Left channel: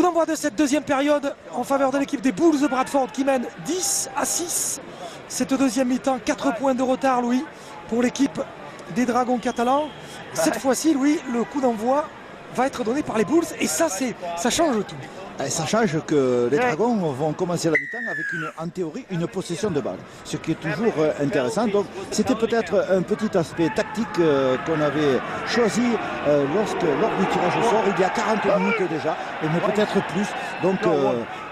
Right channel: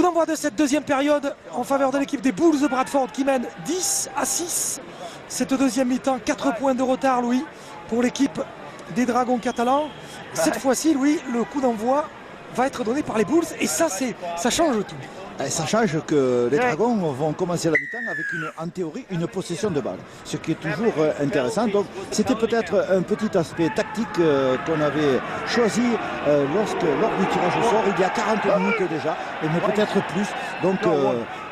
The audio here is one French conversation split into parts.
Coup d'envoi de cette deuxième période en faveur de l'équipe des Bulls de Bradford qui mène 10-6. Cette deuxième mi-temps, 4 points de retard, Louis, pour l'équipe des Dragons catalans. Cette fois-ci, Louis, le coup d'envoi va être donné par les Bulls et ça change tout. Ça change que les Dragons vont commencer la mi-temps avec en théorie une possession de balle, ce qui est toujours intéressant. Donc c'était peut-être un petit aspect tactique qu'on avait choisi lors du tirage au sort il y a 40 minutes déjà, mais peut-être plus. Donc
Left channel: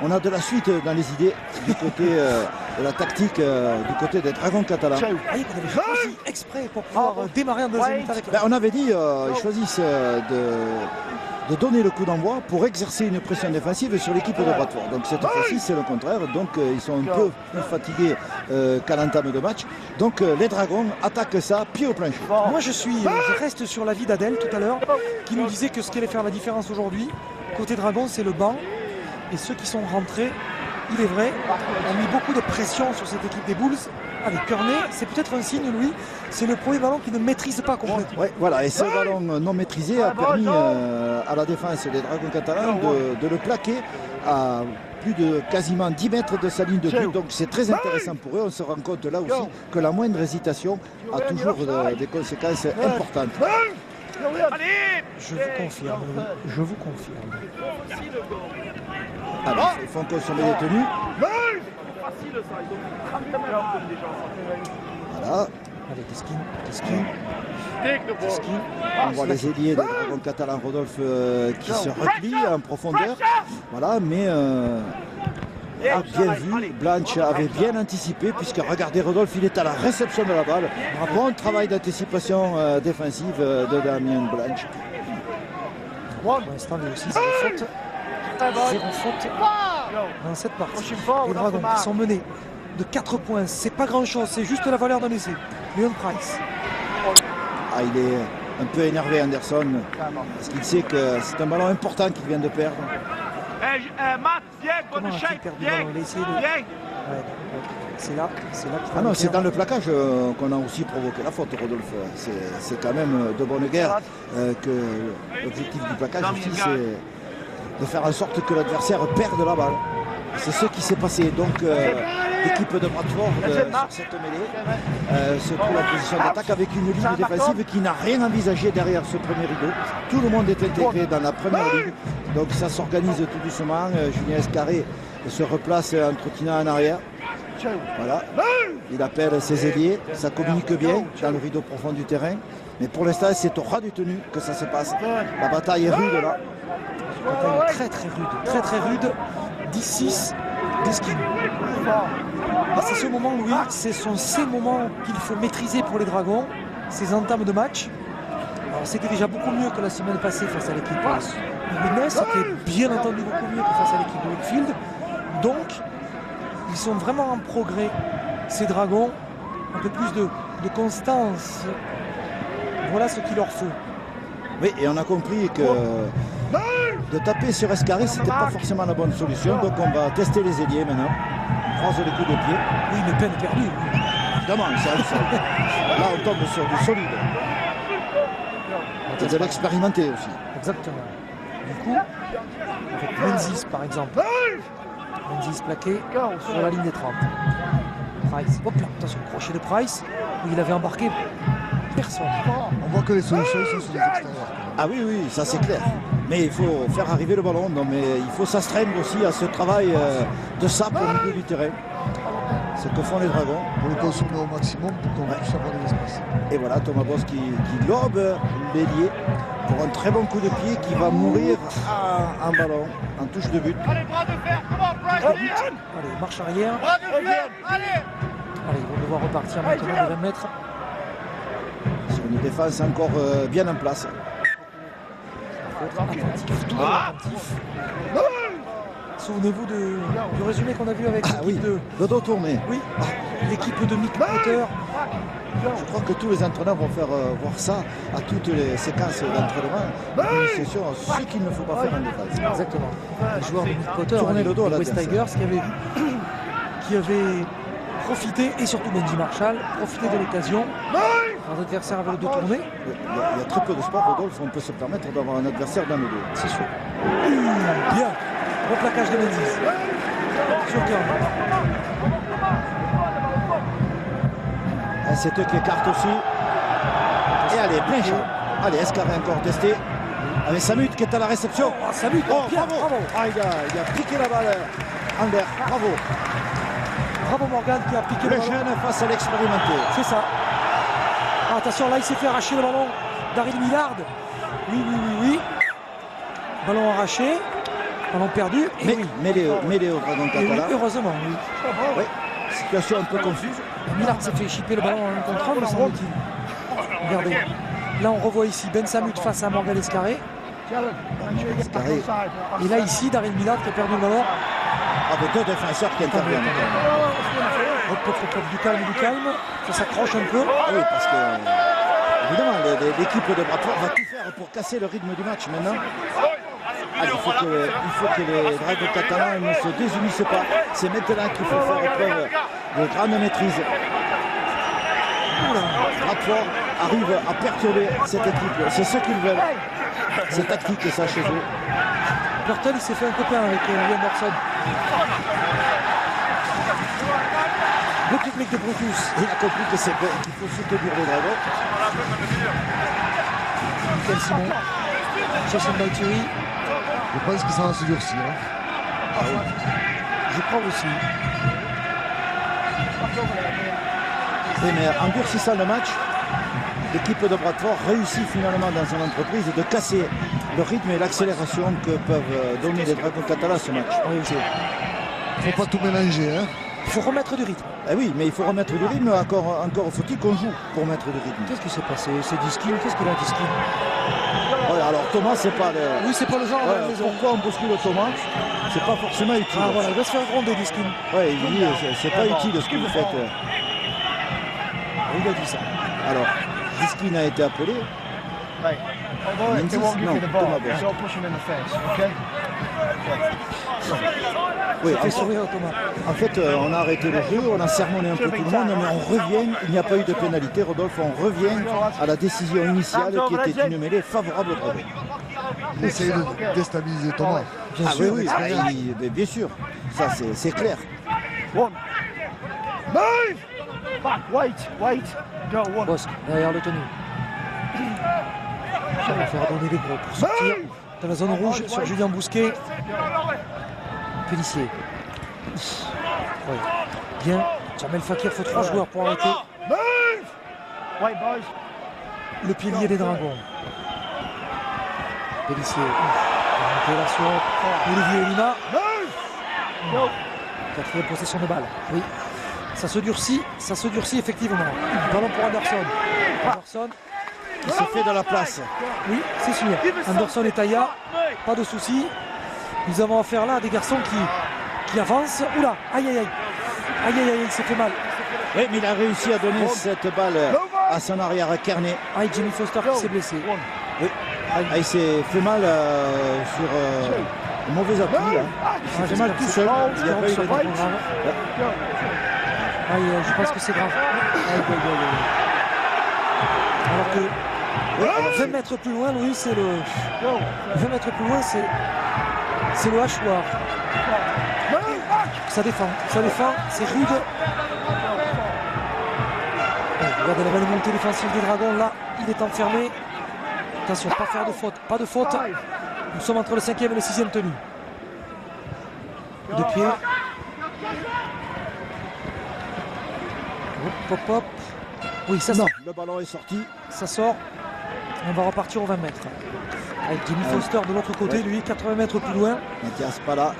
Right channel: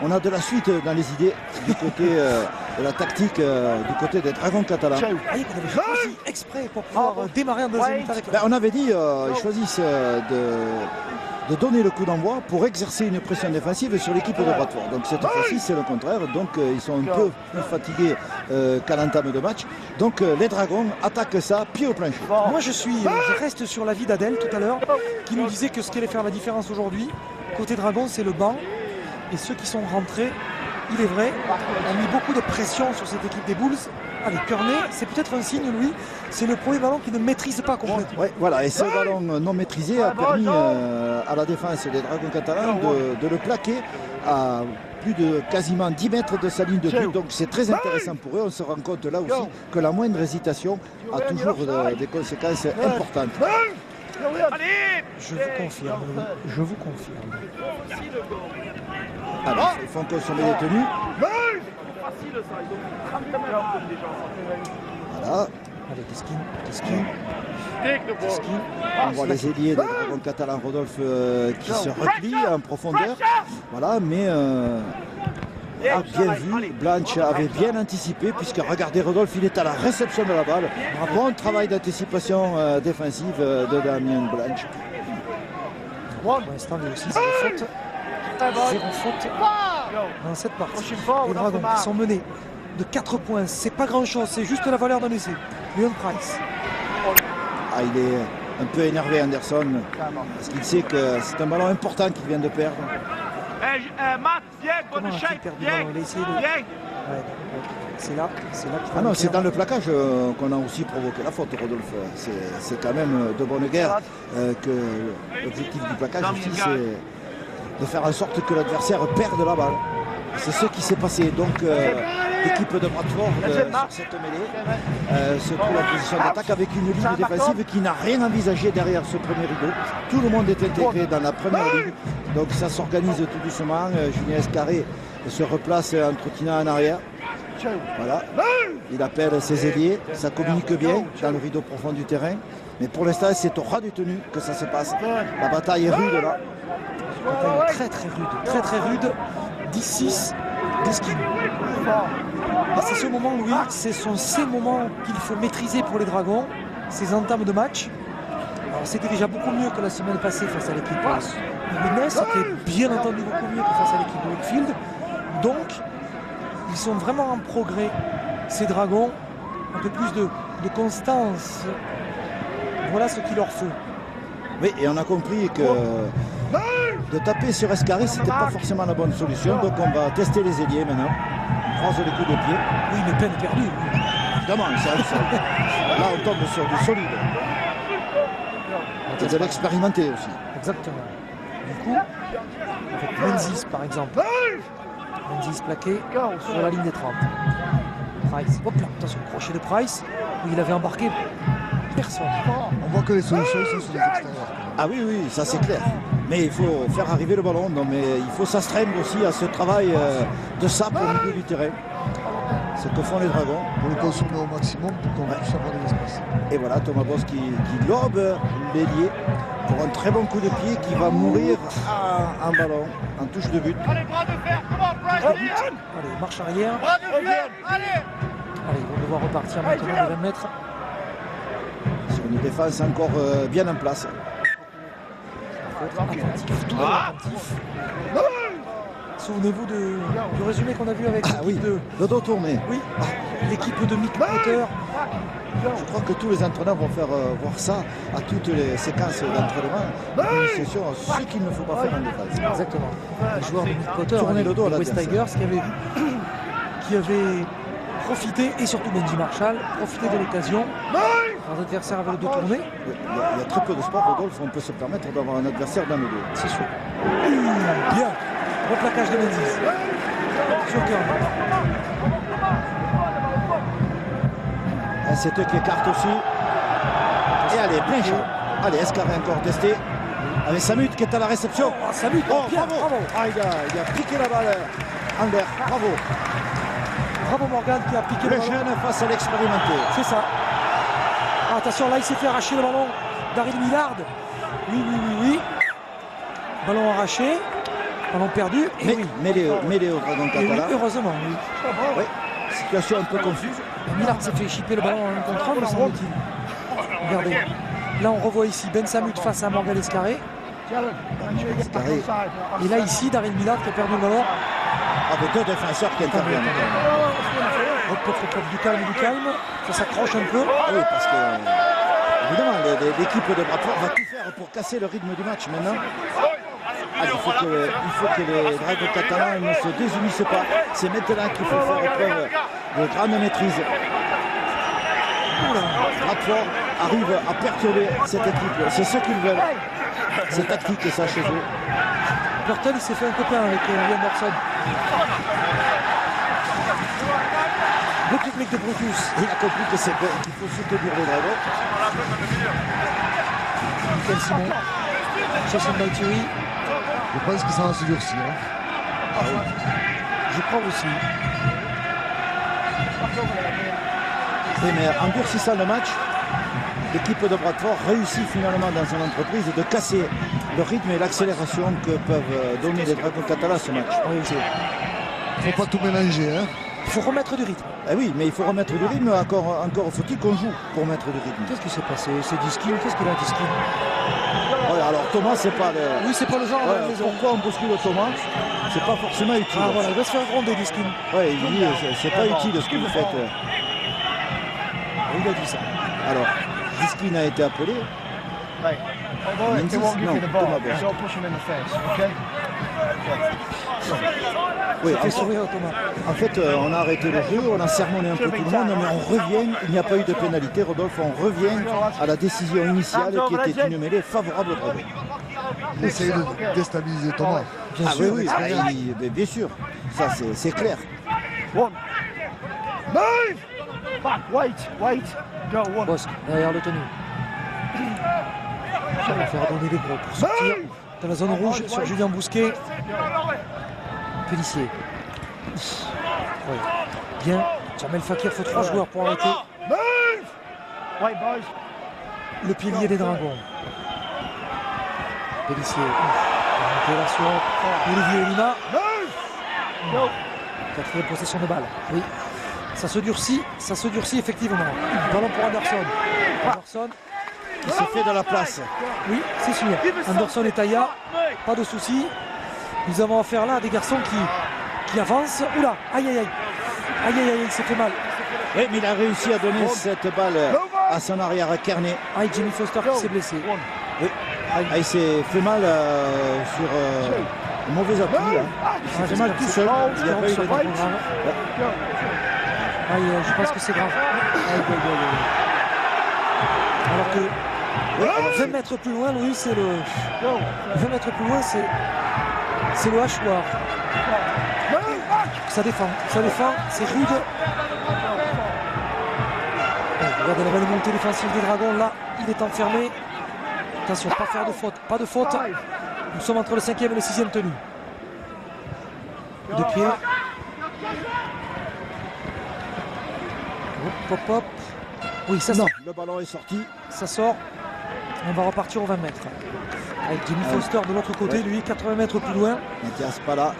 on a de la suite dans les idées du côté de la tactique du côté des Dragons catalans. Vous avez choisi exprès pour pouvoir démarrer en deuxième mi-temps. On avait dit ils choisissent de donner le coup d'envoi pour exercer une pression défensive sur l'équipe de Bradford. Donc cette fois-ci c'est le contraire, donc ils sont un peu plus fatigués qu'à l'entame de match. Donc les Dragons attaquent ça pied au plancher. Moi je reste sur l'avis d'Adèle tout à l'heure qui nous disait que ce qui allait faire la différence aujourd'hui côté Dragons c'est le banc et ceux qui sont rentrés, il est vrai, ont mis beaucoup de pression sur cette équipe des Bulls. Avec Kearney, c'est peut-être un signe, Louis, c'est le premier ballon qui ne maîtrise pas complètement. Ouais, voilà, et ce ballon non maîtrisé a permis à la défense des Dragons catalans de le plaquer à plus de quasiment 10 mètres de sa ligne de but. Donc c'est très intéressant pour eux. On se rend compte là aussi que la moindre hésitation a toujours des conséquences importantes. Je vous confirme, Louis, je vous confirme. Alors, ils font consommer les tenues. Voilà. Allez, Deskin. On voit les ailiers des Dragons catalans, Rodolphe qui se replie en profondeur. Voilà, mais bien vu, Blanche avait bien anticipé, puisque regardez Rodolphe, il est à la réception de la balle. Bon travail d'anticipation défensive de Damien Blanche. Pour l'instant, il y a aussi 0 faute. 0 faute dans cette partie. Les Dragons qui sont menés de 4 points, c'est pas grand chose, c'est juste la valeur d'un essai. Leon Price. Il est un peu énervé, Anderson, parce qu'il sait que c'est un ballon important qu'il vient de perdre. Comment a-t-il perdu le ballon? Il a essayé de... Ouais, c'est là qu'il non, c'est dans le plaquage qu'on a aussi provoqué la faute, Rodolphe. C'est quand même de bonne guerre que l'objectif du plaquage aussi, c'est de faire en sorte que l'adversaire perde la balle. C'est ce qui s'est passé. Donc l'équipe de Bradford sur cette mêlée se trouve en position d'attaque avec une ligne défensive qui n'a rien envisagé derrière ce premier rideau. Tout le monde est intégré dans la première ligne. Donc ça s'organise tout doucement. Julien Escarré se replace en trottinant en arrière. Voilà. Il appelle ses ailiers. Ça communique bien dans le rideau profond du terrain. Mais pour l'instant, c'est au ras du tenu que ça se passe. La bataille est rude là. La bataille est très rude. 10-6, Deskin. C'est ce moment, Louis, ce sont ces moments qu'il faut maîtriser pour les Dragons, ces entames de match. Alors c'était déjà beaucoup mieux que la semaine passée face à l'équipe Illinois, c'était bien entendu beaucoup mieux que face à l'équipe de Wakefield. Donc, ils sont vraiment en progrès, ces Dragons, un peu plus de constance. Voilà ce qu'il leur faut. Oui, et on a compris que de taper sur Escarré, c'était pas forcément la bonne solution. Donc on va tester les ailiers maintenant. On croise les coups de pied. Oui, mais peine perdue. Évidemment, c'est un sol. Là, on tombe sur du solide. Et de l'expérimenté aussi. Exactement. Du coup, avec Menzies par exemple. Menzies plaqué sur la ligne des 30. Price. Hop là, attention, crochet de Price. Où il avait embarqué personne. On voit que les solutions sont sur les extérieurs. Ah oui, ça c'est clair. Mais il faut faire arriver le ballon. Non, mais il faut s'astreindre aussi à ce travail de sape au milieu du terrain. C'est que font les Dragons. Pour le consommer au maximum pour qu'on puisse avoir de l'espace. Et voilà, Thomas Boss qui lobe l'ailier pour un très bon coup de pied qui va mourir en ballon, en touche de but. Allez, marche arrière. Allez, ils vont devoir repartir maintenant de 20 mètres. Sur une défense encore bien en place. Il faut être attentif, toujours attentif. Souvenez-vous du résumé qu'on a vu avec l'équipe de... Le dos tourné. Oui, l'équipe de Mick Potter. Je crois que tous les entraîneurs vont faire voir ça à toutes les séquences d'entraînement. C'est sûr, ce qu'il ne faut pas faire en défense. Exactement. Les joueurs de Mick Potter, tourner le dos à West Tigers, qui avaient profité, et surtout Benji Marshall, profité de l'occasion Un adversaire avec le dos tourné. Il y a très peu de sports, Rodolphe, on peut se permettre d'avoir un adversaire dans le dos. C'est sûr. Bien. Le plaquage de Menzies. Sur cœur. C'est eux qui écartent aussi. Et allez, plein champ. Allez, Escarré encore testé. Avec Samut qui est à la réception. Oh, Samut, oh, bien, bravo. bravo. Ah, il a piqué la balle en l'air. Bravo. Bravo Morgan qui a piqué le Le ballon. jeune face à l'expérimenté. C'est ça. Ah, attention, là il s'est fait arracher le ballon d'Arid Millard. Oui. Ballon arraché. Ballon perdu. Et Mais, oui. mêlé au dragon Et oui, catalan. heureusement, oui. Oui. Situation un peu confuse. Millard s'est fait chipper le ballon en contrôle, me semble-t-il. Regardez. Là, on revoit ici Ben Samut face à Morgan Escarré. Escarré. Et là, ici, Daryl Millard qui a perdu le ballon. Avec deux défenseurs qui interviennent. Hop, du calme. Ça s'accroche un peu. Oui, parce que, évidemment, l'équipe de Bradford va tout faire pour casser le rythme du match maintenant. Allez, il faut que les Dragons catalans ne se désunissent pas. C'est maintenant qu'il faut faire preuve de grande maîtrise. Bradford arrive à perturber cette équipe. C'est ce qu'ils veulent. C'est tactique, ça, chez eux. Burton, il s'est fait un copain avec Lee Anderson. Le public de Brutus. Il a compris qu'il faut soutenir les Dragons. Michael Simon. Jason Balturi. Je pense que ça va se durcir. Hein. Ah oui. Je crois aussi. Oui, mais en durcissant le match, l'équipe de Bradford réussit finalement dans son entreprise de casser le rythme et l'accélération que peuvent donner les Dragons catalans à ce match. Oui, il ne faut pas tout mélanger. Hein. Il faut remettre du rythme. Eh oui, mais il faut remettre du rythme. Encore faut-il qu'on joue pour mettre du rythme. Qu'est-ce qui s'est passé? C'est Diskin. Qu'est-ce qu'il a, Diskin? Ouais, alors Thomas, c'est pas le. Oui, c'est pas le genre. Ouais, pourquoi on bouscule Thomas? C'est pas forcément utile. Ah, voilà, il va se faire gronder, Diskin. Ouais, il dit c'est pas utile ce que vous faites. Il a dit ça. Alors, Diskin a été appelé. Menzies, non, Thomas Bosch. Oui, Fait sourire Thomas. En fait, on a arrêté le jeu, on a sermonné un peu tout le monde, mais on revient, il n'y a pas eu de pénalité, Rodolphe, on revient à la décision initiale qui était une mêlée favorable au Dragons. Essayer de déstabiliser Thomas. Ah oui, bien sûr, ça c'est clair. Bosque, derrière le tenu. Ça va faire donner les gros pour sortir dans la zone rouge sur Julien Bousquet. Félicien. Oui. Bien. Jamel Fakir, il faut 3 joueurs pour arrêter. Le pilier des Dragons. Félicien. Révélation. Olivier Lima. 4e possession de balle. Oui. Ça se durcit effectivement. Ballon pour Anderson. Anderson. Qui se fait de la place. Oui, c'est sûr. Anderson et Taya, pas de soucis. Nous avons affaire là à des garçons qui avancent. Oula, aïe, il s'est fait mal. Oui, mais il a réussi à donner cette balle à son arrière à Kearney. Aïe, Jimmy Foster qui s'est blessé. Oui, il s'est fait mal sur un mauvais appui. Là. Il s'est fait mal tout seul. Il n'y a pas eu de aïe, je pense que c'est grave. Aïe. Alors que 20 mètres plus loin, Louis, c'est le. 20 mètres plus loin, c'est le hachoir. Ça défend, c'est rude. Regardez la belle montée défensive des Dragons, là, il est enfermé. Attention, pas de faute. Nous sommes entre le 5e et le 6e tenu. De pied. Hop. Oui, ça sort. Le ballon est sorti. Ça sort. On va repartir aux 20 mètres. Avec Jimmy Foster de l'autre côté, lui, 80 mètres plus loin. Mathias Pala.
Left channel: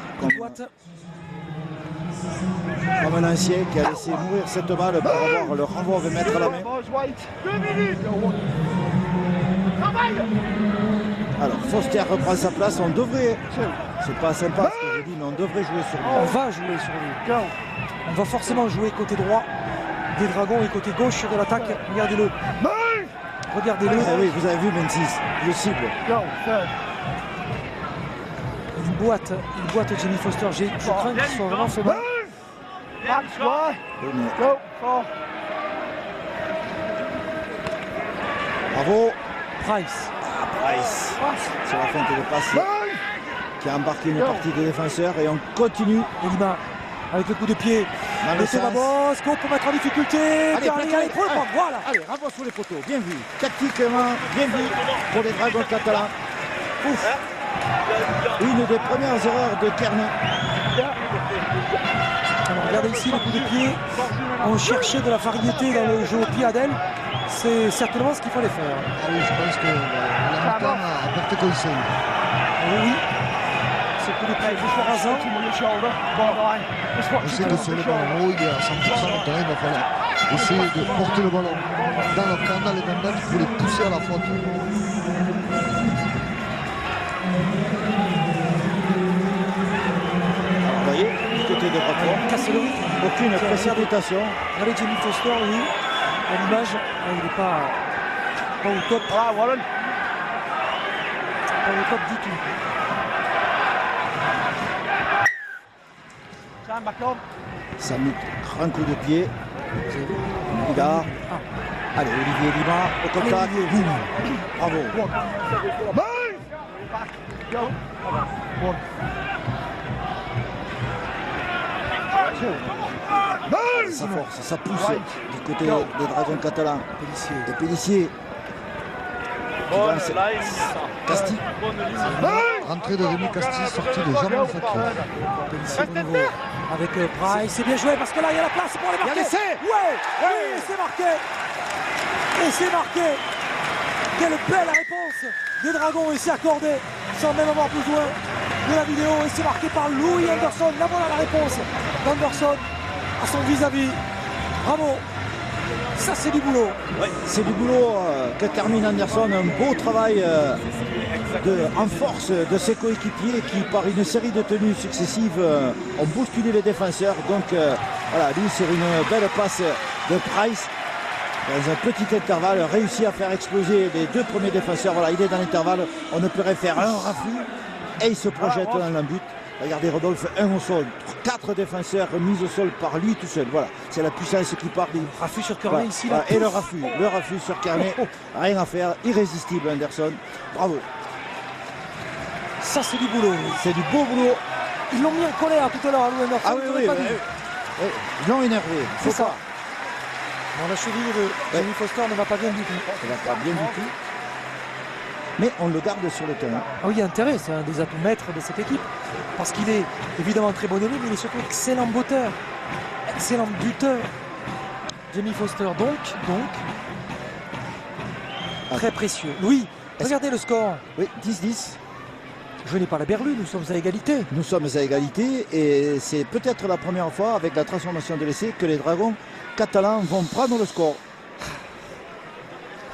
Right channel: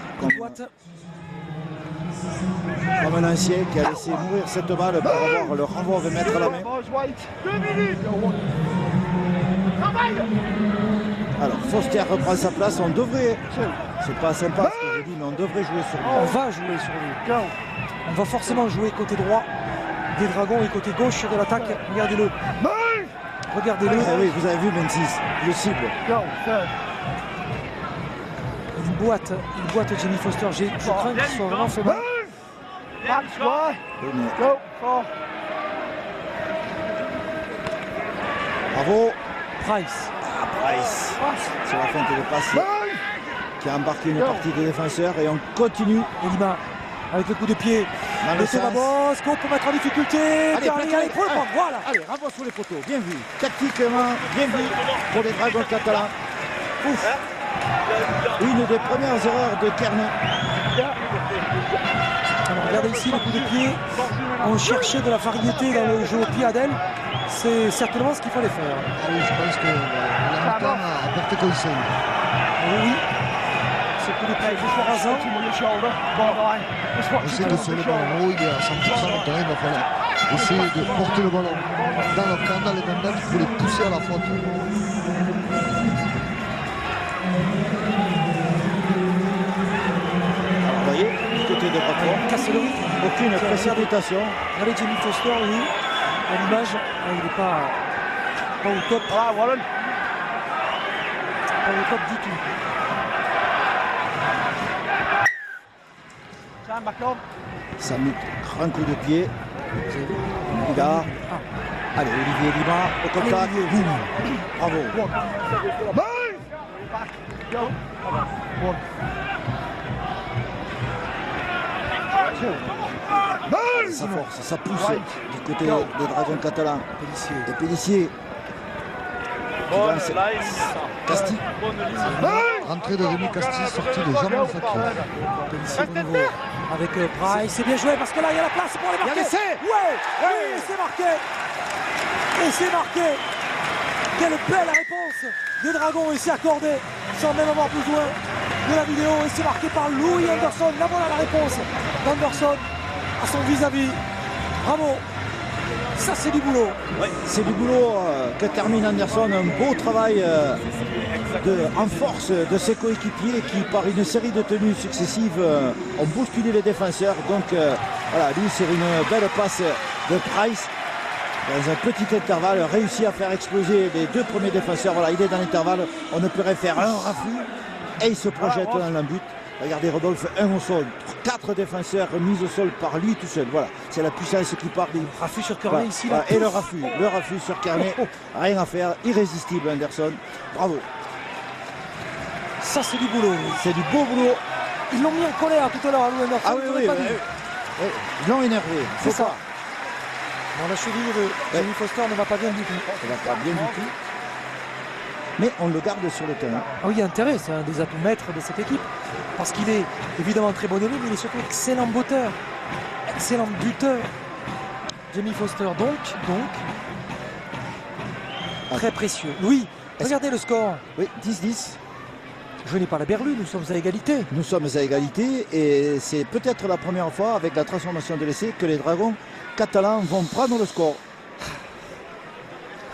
Comme un ancien qui a laissé mourir cette balle pour avoir le renvoi au 20 mètres à la main. Alors, Foster reprend sa place. On devrait, c'est pas sympa ce que je dis, mais on devrait jouer sur lui. On va jouer sur lui. On va forcément jouer côté droit des Dragons et côté gauche de l'attaque. Regardez-le. Oui, vous avez vu Menzies, le cible. Il boite Jimmy Foster. Je crains qu'il soit vraiment fait mal. Bravo. Price. Price. Sur la feinte de passe. Qui a embarqué une partie des défenseurs. Et on continue. Elima avec le coup de pied. Dans le sens. Ramos peut mettre en difficulté. Allez, pour le prendre. Voilà. Allez, Ramos sur les poteaux. Bien vu. Tactiquement, bien vu pour les Dragons catalans. Ouf. Une des premières erreurs de Kearney. Alors, regardez ici le coup de pied. On cherchait de la variété dans le jeu au pied Adèle. C'est certainement ce qu'il fallait faire. Ah oui, je pense que la mi-temps a porté conseil. Oui. Ce coup de pied est rasant. Je sais que sur le ballon haut, il est à 100% maintenant, il va falloir essayer de porter le ballon dans le camp, dans les combats, pour les pousser à la faute. Vous voyez, du côté de Bradford, Casse le rythme. aucune précipitation. Regardez Jamie Foster, oui. À l'image, il n'est pas au top. Pas au top du tout. Samit, grand coup de pied. Bidard. Allez, Olivier Lima, au contact. Boum. Bravo. Ça force, ça pousse du côté des Dragons catalans. Et Pélissier. Casti. Entrée de Rémi Casti, sortie de Jean Facteur. Pélissier au niveau avec Price. C'est bien joué parce que là, il y a la place pour les marquer. Il y a l'essai. Ouais, oui, c'est marqué. Et c'est marqué. Quelle belle réponse des Dragons ici accordée sans même avoir besoin de la vidéo. Et c'est marqué par Louis Anderson. Là, voilà la réponse d'Anderson à son vis-à-vis. Bravo. Ça, c'est du boulot. Oui, c'est du boulot que termine Anderson. Un beau travail en force de ses coéquipiers qui, par une série de tenues successives, ont bousculé les défenseurs. Donc, voilà, lui, sur une belle passe de Price, dans un petit intervalle, réussit à faire exploser les deux premiers défenseurs. Voilà, il est dans l'intervalle. On ne pourrait faire un refus et il se projette dans le but. Regardez Rodolphe, 1 au sol, 4 défenseurs mis au sol par lui tout seul. Voilà, c'est la puissance qui part. Raffut sur Kearney ici. Voilà. Et le raffut sur Kearney. Rien à faire, irrésistible Anderson. Bravo. Ça, c'est du boulot. C'est du beau boulot. Ils l'ont mis en colère tout à l'heure, Louis Anderson. Ah oui, ils l'ont énervé. C'est ça. Bon, la cheville de Jamie Foster ne va pas bien du tout. Ça va pas bien du tout. Mais on le garde sur le terrain. Ah oui, il y a intérêt, c'est un des atouts maîtres de cette équipe. Parce qu'il est évidemment très bon élève, mais il est surtout excellent botteur, excellent buteur. Jamie Foster, donc très précieux. Oui, regardez le score. Oui, 10-10. Je n'ai pas la berlue, nous sommes à égalité. Nous sommes à égalité et c'est peut-être la première fois avec la transformation de l'essai que les Dragons catalans vont prendre le score.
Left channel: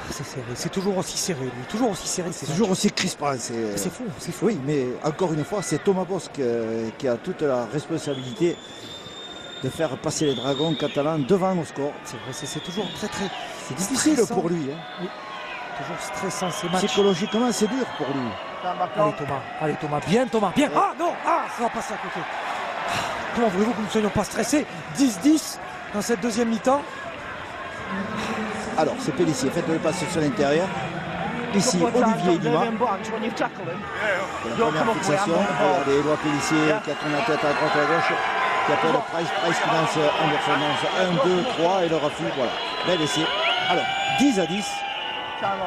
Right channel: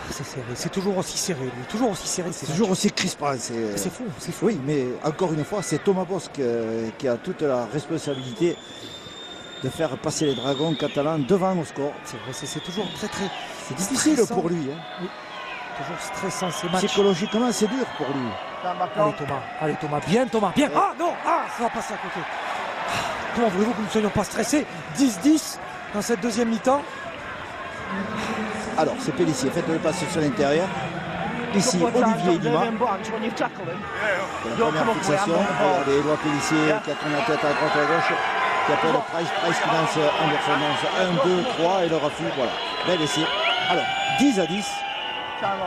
C'est serré, c'est toujours aussi serré, toujours aussi serré. C'est toujours aussi crispant. C'est fou, c'est fou. Oui, mais encore une fois, c'est Thomas Bosc qui a toute la responsabilité de faire passer les Dragons catalans devant au score. C'est vrai, c'est toujours très très... C'est difficile stressant pour lui. Hein. Oui. Toujours stressant ces matchs. Psychologiquement, c'est dur pour lui. Allez Thomas, bien Thomas, bien. Ah non, ça va passer à côté. Comment voulez-vous que nous ne soyons pas stressés? 10-10 dans cette deuxième mi-temps. Alors, c'est Pélissier, faites le passe sur l'intérieur. Ici, Olivier Lima. La première fixation. Regardez, Éloi Pélissier qui a tourné la tête à droite à gauche. Qui appelle Price qui lance Anderson. 1, 2, 3 et le refus. Voilà. Bel essai. Alors, 10-10.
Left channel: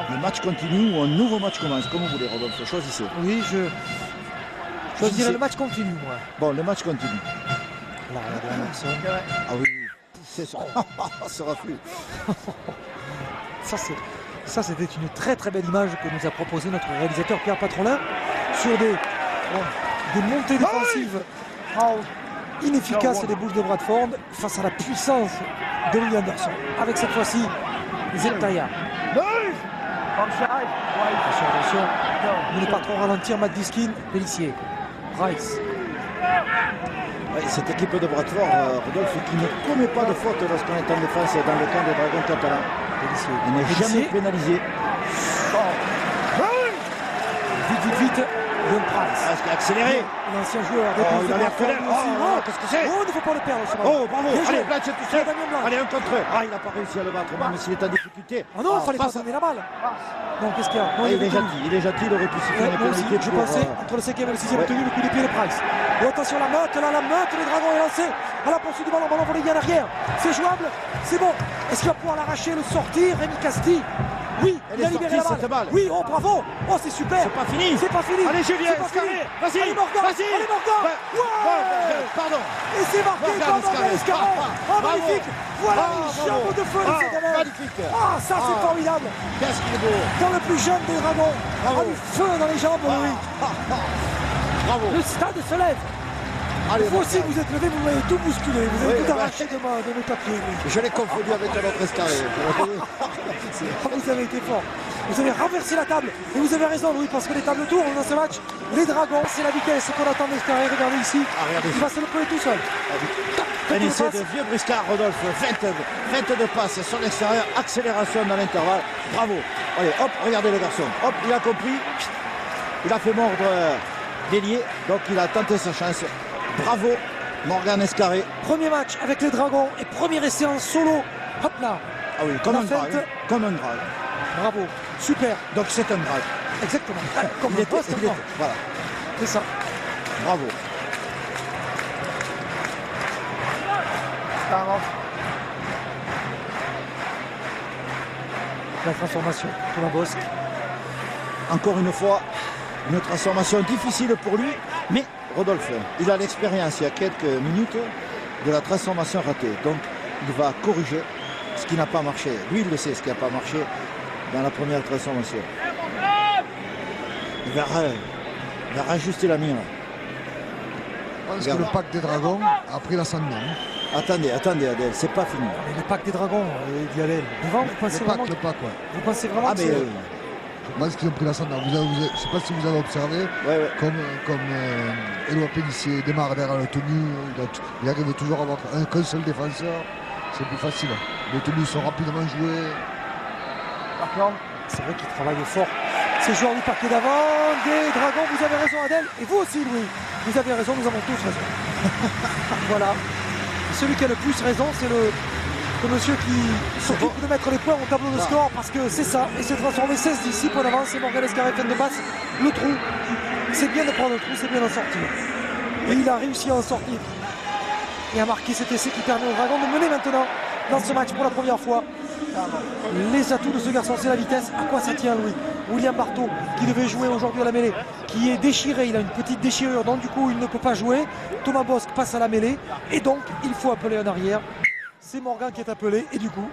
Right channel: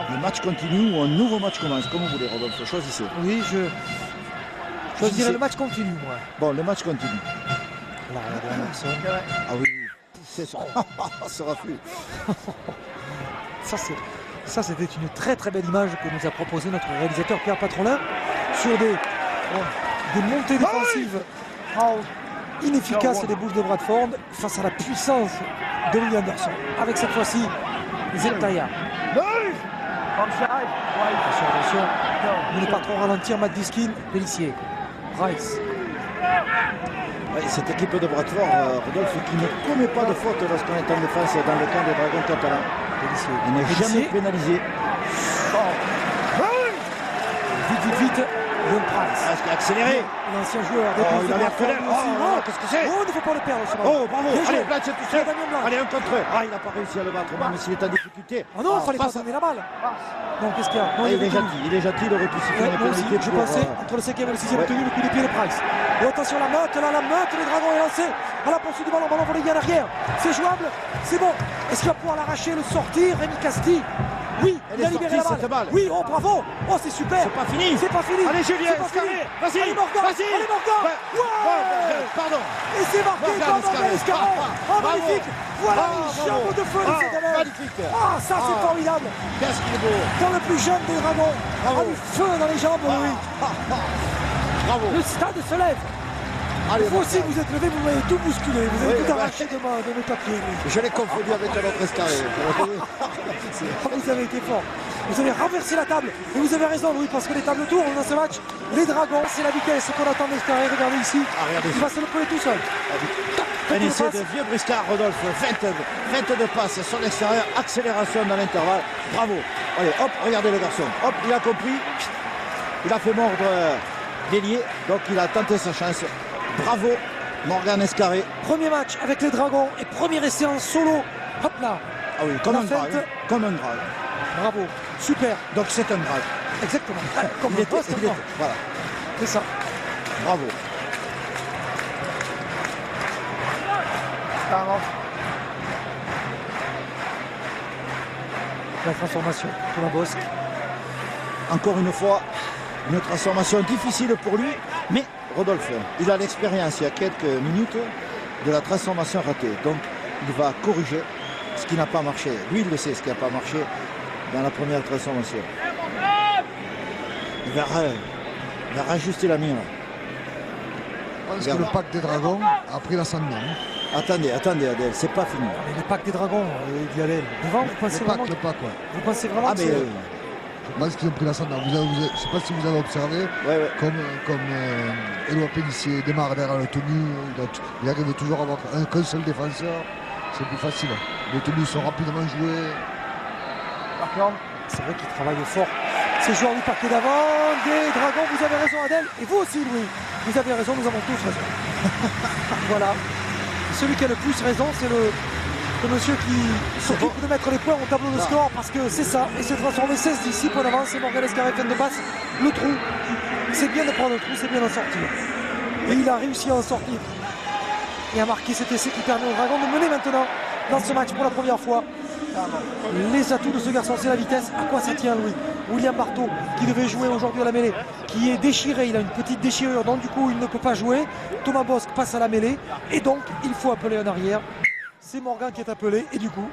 Le match continue ou un nouveau match commence. Comme vous voulez, Rodolphe, choisissez. Oui, je dirais le match continue, moi. Bon, le match continue. Là, regardez Anderson. Ah oui, c'est ça. Ce refus. Ça, c'était une très très belle image que nous a proposé notre réalisateur Pierre Patrolin sur des montées défensives inefficaces des Bulls de Bradford face à la puissance de Louis Anderson. Avec cette fois-ci, Zeltaya. Attention, ne pas trop ralentir Matt Diskin, Pélissier, Price. Oui, cette équipe de Bradford, Rodolphe, qui ne commet pas de faute lorsqu'on est en défense dans le camp des Dragons catalans. Il n'est jamais pénalisé. Vite, Leon Price. Parce qu'il a accéléré. L'ancien joueur des il a l'air colère. Qu'est-ce que c'est? Oh, il ne faut pas le perdre. Oh, bravo. Allez, là, c'est tout seul. Allez, un contre eux. Ah, il n'a pas réussi à le battre, même s'il est en difficulté. difficulté. Oh non, il fallait pas face à- donner la balle. Non, qu'est-ce qu'il y a? Non, Ah, il y il est avait tout. gentil, il aurait pu siffler Ouais, une moi aussi, pénalité je pour, pensais, entre le 5e et le 6e ouais. tenu, le coup de pied de Price. Et attention, la meute, les dragons est lancé. À la poursuite du ballon, ballon volé bien arrière. C'est jouable, c'est bon. Est-ce qu'il va pouvoir l'arracher, le sortir, Rémi Casti? Oui, Elle il a est libéré sortie, la cette balle. balle. Oui, oh bravo. Oh, c'est super. C'est pas fini. C'est pas fini. Allez, Julien, C'est pas fini. vas-y, Allez, Morgan. vas-y. Allez, Morgan. Ouais. Pardon. Et c'est marqué Morgan par Morgan Escarret. Oh, magnifique. Voilà les jambes de feu de ce gamin. Magnifique. Ah, ça c'est formidable. Qu'est-ce qu'il est beau. Dans le plus jeune des dragons. Bravo. Ah, du feu dans les jambes, oui. Bravo. Le stade se lève. Allez, Vous aussi, Morgan. vous êtes levé, vous m'avez tout bousculé. Vous avez Oui, tout bah. arraché de mes papiers. oui. Je l'ai confondu avec un autre escarré. Vous avez été fort. Vous avez renversé la table. Et vous avez raison, Louis, parce que les tables tournent dans ce match. Les dragons, c'est la vitesse qu'on attend d'Escarré. Regardez ici. regardez Il va se le prendre tout seul. Un essai de vieux briscard, Rodolphe. Feinte de passe sur l'extérieur, accélération dans l'intervalle. Bravo. Allez, hop, regardez le garçon. Hop, il a compris. Il a fait mordre l'ailier. Donc il a tenté sa chance. Bravo, Morgan Escarré. Premier match avec les dragons et premier essai en solo. Hop là. Ah oui, comme La un feinte. drag. Comme un drag. Bravo. Super. Donc c'est un drag. Exactement. Comme Il le était, poste, il était. Voilà. c'est ça. Bravo. La transformation pour la Bosque. Encore une fois, une transformation difficile pour lui, mais Rodolphe, il a l'expérience il y a quelques minutes de la transformation ratée. Donc il va corriger ce qui n'a pas marché. Lui, il le sait, ce qui n'a pas marché dans la première transformation. Il va rajuster la mire. Je pense que le pack des dragons a pris l'ascendant. Attendez, Adèle, c'est pas fini. Mais le pack des dragons, dit Adèle. Devant, vous pensez vraiment, Le pack, ouais. vous pensez vraiment Ah que mais c'est- Je pense qu'ils ont pris l'ascendant. Je ne sais pas si vous avez observé, ouais. comme Éloi Pélissier démarre derrière le tenue, il arrive toujours à avoir qu'un seul défenseur. C'est plus facile. Les tenues sont rapidement jouées. C'est vrai qu'il travaille fort. Ces joueurs du parquet d'avant, des dragons, vous avez raison Adèle, et vous aussi Louis, vous avez raison, nous avons tous raison. Voilà. Et celui qui a le plus raison, c'est le monsieur qui s'occupe de mettre les points au tableau de score, parce que c'est ça, et se transformer 16 d'ici, pour l'avance, c'est Morgan Escarret, fin de passe, le trou. C'est bien de prendre le trou, c'est bien d'en sortir. Et il a réussi à en sortir. Et à marquer cet essai qui permet aux dragons de mener maintenant dans ce match pour la première fois. Les atouts de ce garçon, c'est la vitesse. À quoi ça tient, Louis? William Barthaud, qui devait jouer aujourd'hui à la mêlée, qui est déchiré, il a une petite déchirure, donc du coup il ne peut pas jouer. Thomas Bosque passe à la mêlée, et donc il faut appeler en arrière. C'est Morgan qui est appelé, et du coup,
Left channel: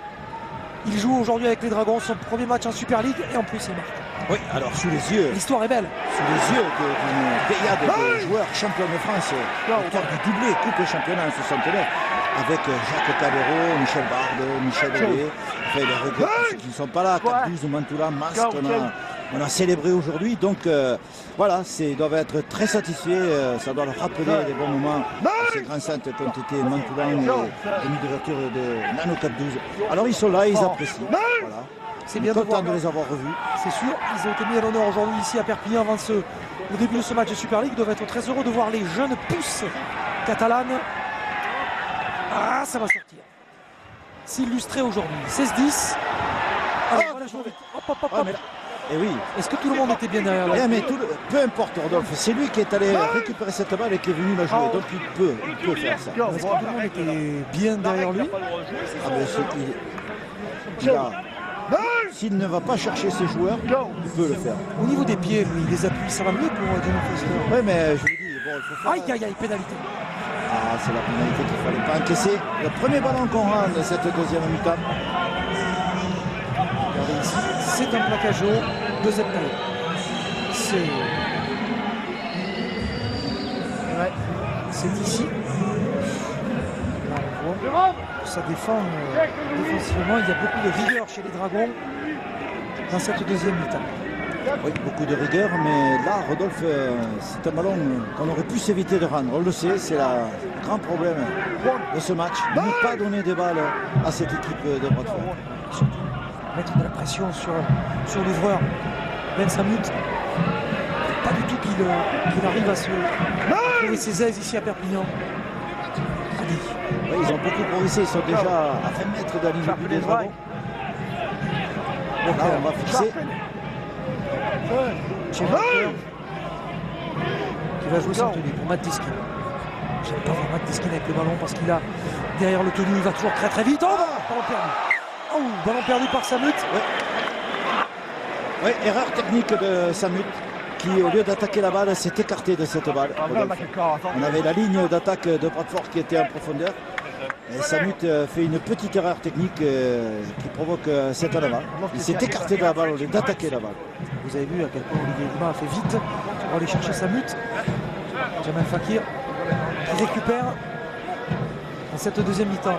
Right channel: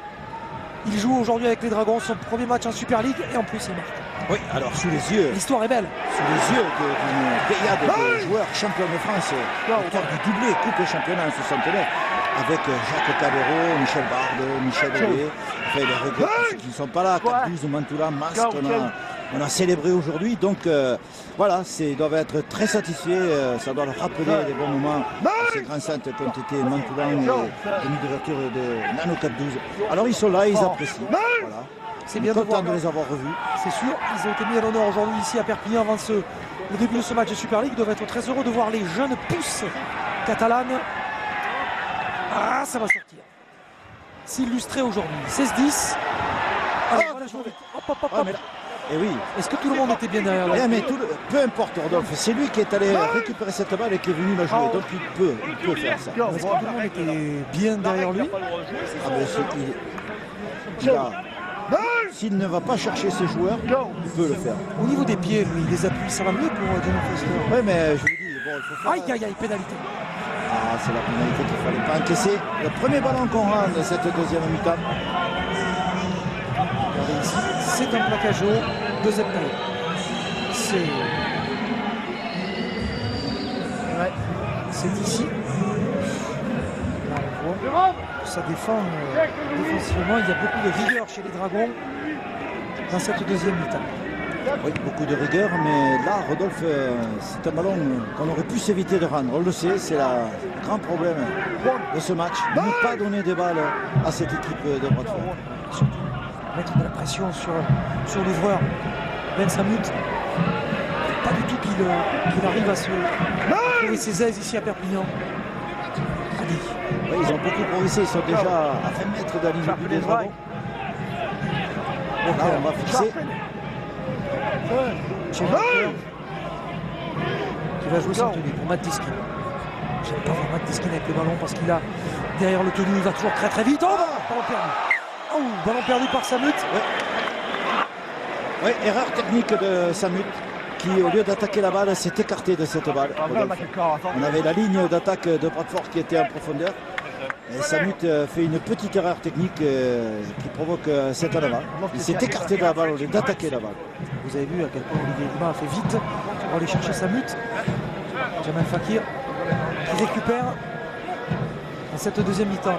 il joue aujourd'hui avec les Dragons, son premier match en Super League, et en plus il marque. Oui, alors sous les yeux L'histoire est belle. sous les yeux d'une pléiade de joueurs champions de France, auteur du doublé Coupe et Championnat en 69, avec Jacques Cabero, Michel Barde, Michel Hellé, enfin les regrets pour ceux qui ne sont pas là, Carbuse, Mantoula, Masque, on a célébré aujourd'hui, donc voilà, ils doivent être très satisfaits, ça doit leur rappeler les bons moments à ces grands centres qui ont été Mantoula et demi d'ouverture de Nano 4-12. Alors ils sont là, ils apprécient. Voilà. C'est On bien est de content voir. de les avoir revus. C'est sûr, ils ont été mis à l'honneur aujourd'hui ici à Perpignan avant le début de ce match de Super League. Ils doivent être très heureux de voir les jeunes pousses catalanes. Ah, ça va sortir. S'illustrer aujourd'hui. 16-10. Alors, on va la jouer vite. Hop, hop, hop, Ah, hop. mais là, et oui. Est-ce que tout le monde était bien derrière là? Mais peu importe Rodolphe, c'est lui qui est allé récupérer cette balle et qui est venu la jouer. Donc il peut faire ça. Est-ce que tout le monde était bien derrière lui? Ah ben, s'il ne va pas chercher ses joueurs, il peut le faire. Au niveau des pieds, lui, les appuis, ça va mieux pour Dino Foster. Oui, mais je vous dis, bon, il faut faire. Aïe, aïe, aïe, pénalité. Ah, c'est la pénalité qu'il ne fallait pas encaisser. Le premier ballon qu'on rend de cette deuxième mi-temps. Regardez ici, c'est un plaquage haut, deuxième taille. C'est. Ouais, c'est ici. Là, on voit. Ça défend défensivement. Il y a beaucoup de rigueur chez les Dragons dans cette deuxième mi-temps. Oui, beaucoup de rigueur, mais là, Rodolphe, c'est un ballon qu'on aurait pu s'éviter de rendre. On le sait, c'est le grand problème de ce match. Ne pas donner des balles à cette équipe de Bradford. Surtout mettre de la pression sur l'ouvreur. Ben Samut. Pas du tout qu'il arrive à trouver ses aises ici à Perpignan. Oui, ils ont beaucoup progressé, ils sont déjà à 20 mètres de la ligne du but des Dragons. Là, on va fixer. Chez Walker, qui va jouer sans tenue pour Matt Diskin. J'aime pas voir Matt Diskin avec le ballon parce qu'il a derrière le tenue, il va toujours très très vite. Oh, ballon perdu. Oh, ballon perdu par Samut. Oui, erreur technique de Samut qui, au lieu d'attaquer la balle, s'est écarté de cette balle. On avait la ligne d'attaque de Bradford qui était en profondeur. Et Samut fait une petite erreur technique qui provoque cette balle. Il s'est écarté de la balle au lieu d'attaquer la balle. Vous avez vu à quel point Olivier Lima a fait vite pour aller chercher Samut. Jamal Fakir qui récupère dans cette deuxième mi-temps.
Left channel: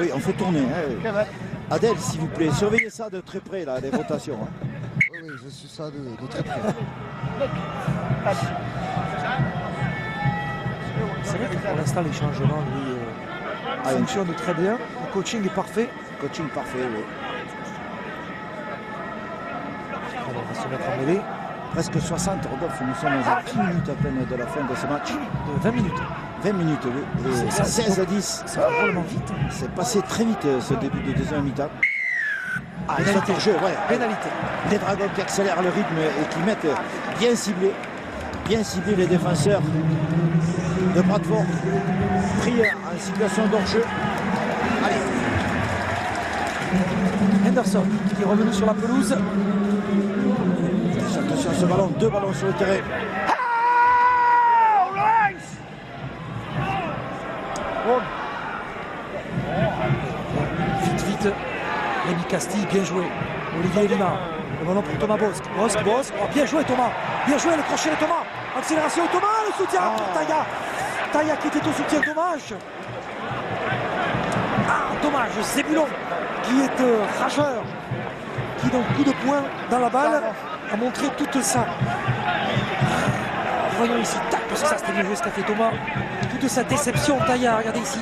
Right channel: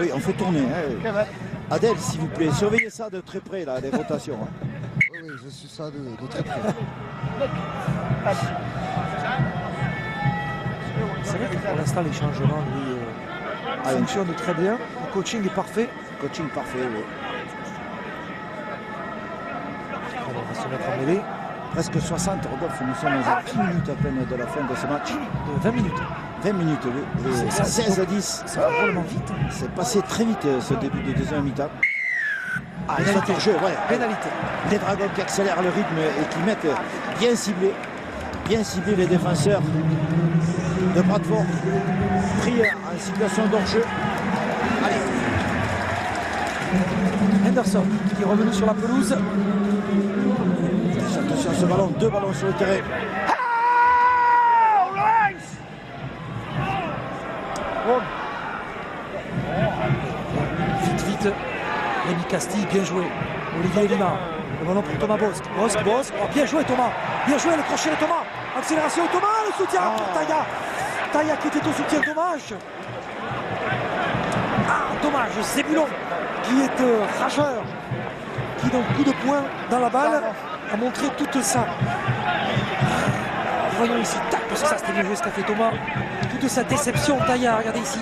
Oui, on fait tourner. Hein. Adèle, s'il vous plaît, surveillez ça de très près, là, les rotations. Hein. Oui, je suis ça de très près. C'est vrai que pour l'instant, les changements, lui, fonctionnent très bien. Le coaching est parfait. Coaching parfait, oui. Alors, on va se mettre en mêlée. Presque 60, Rodolphe, nous sommes à 10 minutes à peine de la fin de ce match. 20 minutes. 20 minutes, oui. Et 16 à 10. Ça va vraiment vite. C'est passé très vite ce début de deuxième mi-temps. Pénalité. Jeu, ouais. Pénalité. Les Dragons qui accélèrent le rythme et qui mettent bien ciblés les défenseurs de Bradford. Pris en situation d'hors-jeu. Henderson qui est revenu sur la pelouse. Attention à ce ballon, 2 ballons sur le terrain. Vite. Rémi Castille, bien joué. Olivier Lima. Le ballon pour Thomas Bosque. Bosque. Oh, bien joué Thomas. Bien joué le crochet de Thomas. Accélération Thomas, le soutien pour Taya. Taya qui était au soutien, dommage. Dommage, Zébulon qui est rageur. Qui donc coup de poing dans la balle a montré toute sa. Voyons ici, parce que ça c'était bien joué ce qu'a fait Thomas. Toute sa déception, Taya, regardez ici.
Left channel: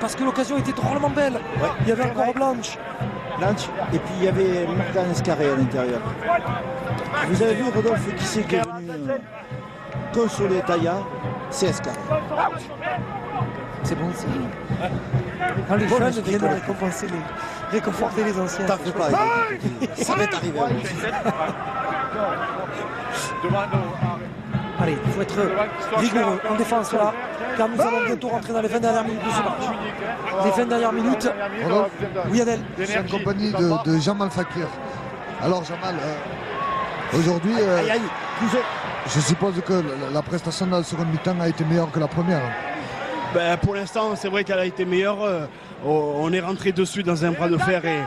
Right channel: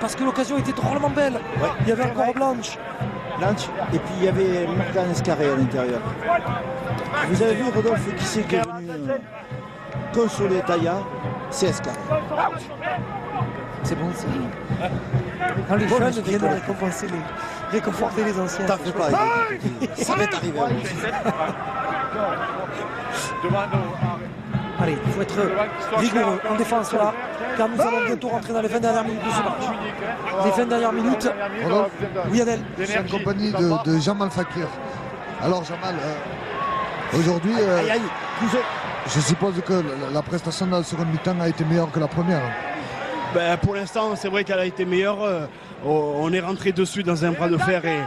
Parce que l'occasion était drôlement belle. Ouais. Il y avait encore Blanche. Et puis il y avait Martin Escarré à l'intérieur. Vous avez vu Rodolphe qui c'est qui est venu consoler Taya, c'est Escarré. C'est bon, c'est lui. Quand les jeunes viennent réconforter les anciens. T'en fais pas, ça va t'arriver. Allez, il faut être rigoureux en défense là, car nous allons bientôt rentrer dans les 20 dernières minutes de ce match. Les 20 dernières minutes. Oui, Adèle. Je suis en compagnie de Jamal Fakir. Alors, Jamal, aujourd'hui, je suppose que la prestation de la seconde mi-temps a été meilleure que la première. Ben, pour l'instant, c'est vrai qu'elle a été meilleure. On est rentré dessus dans un bras de fer et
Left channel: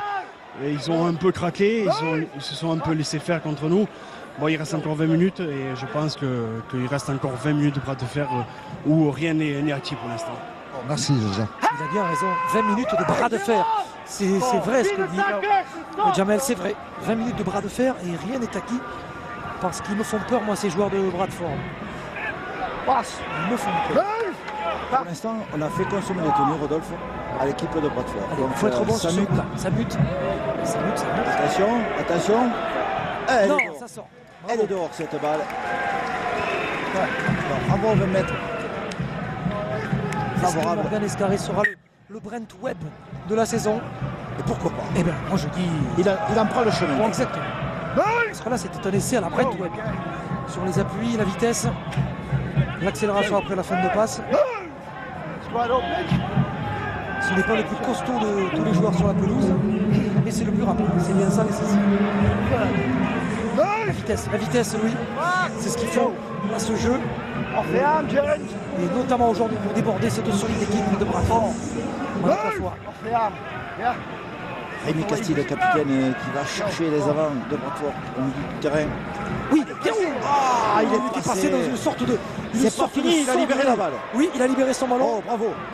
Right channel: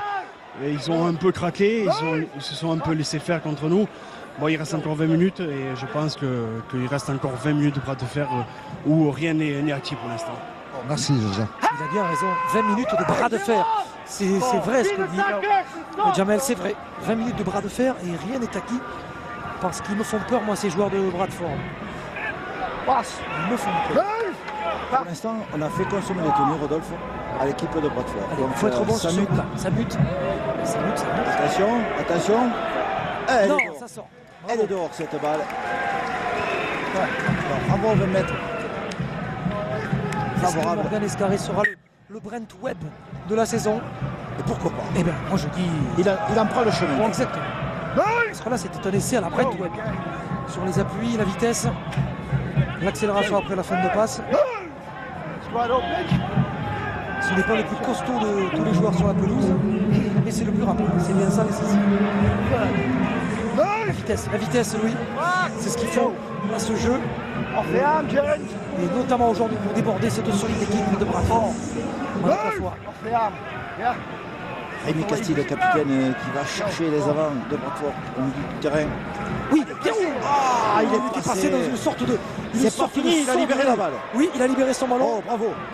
ils ont un peu craqué. Ils se sont un peu laissés faire contre nous. Bon, il reste encore 20 minutes et je pense qu'il reste encore 20 minutes de bras de fer où rien n'est acquis pour l'instant. Merci, Jean. Il a bien raison. 20 minutes de bras de fer. C'est vrai ce que dit Jamel, c'est vrai. 20 minutes de bras de fer et rien n'est acquis. Parce qu'ils me font peur, moi, ces joueurs de Bradford. Ils me font peur. Pour l'instant, on a fait consommer les tenues, Rodolphe, à l'équipe de Bradford. Il faut être bon sur ce but-là. Ça bute. Attention. Non, ça sort. Elle est dehors cette balle. Bravo le maître. Favorable. Morgan Escarré sera le Brent Webb de la saison. Et pourquoi pas? Eh bien, moi je dis. Il en prend le chemin. Exactement. Parce que là, c'était un essai à la Brent Webb. Sur les appuis, la vitesse, l'accélération après la fin de passe. Ce n'est pas le plus costaud de tous les joueurs sur la pelouse, mais c'est le plus rapide. C'est bien ça, les saisies. La vitesse, oui, c'est ce qu'il faut à ce jeu. Et notamment aujourd'hui pour déborder cette solide équipe de Bradford. Rémi Castille, le capitaine, qui va chercher les avants de Bradford au milieu du terrain. Oui, bien sûr. Il est passé dans une sorte de. C'est pas fini, il a libéré la balle. Oui, il a libéré son ballon. Oh,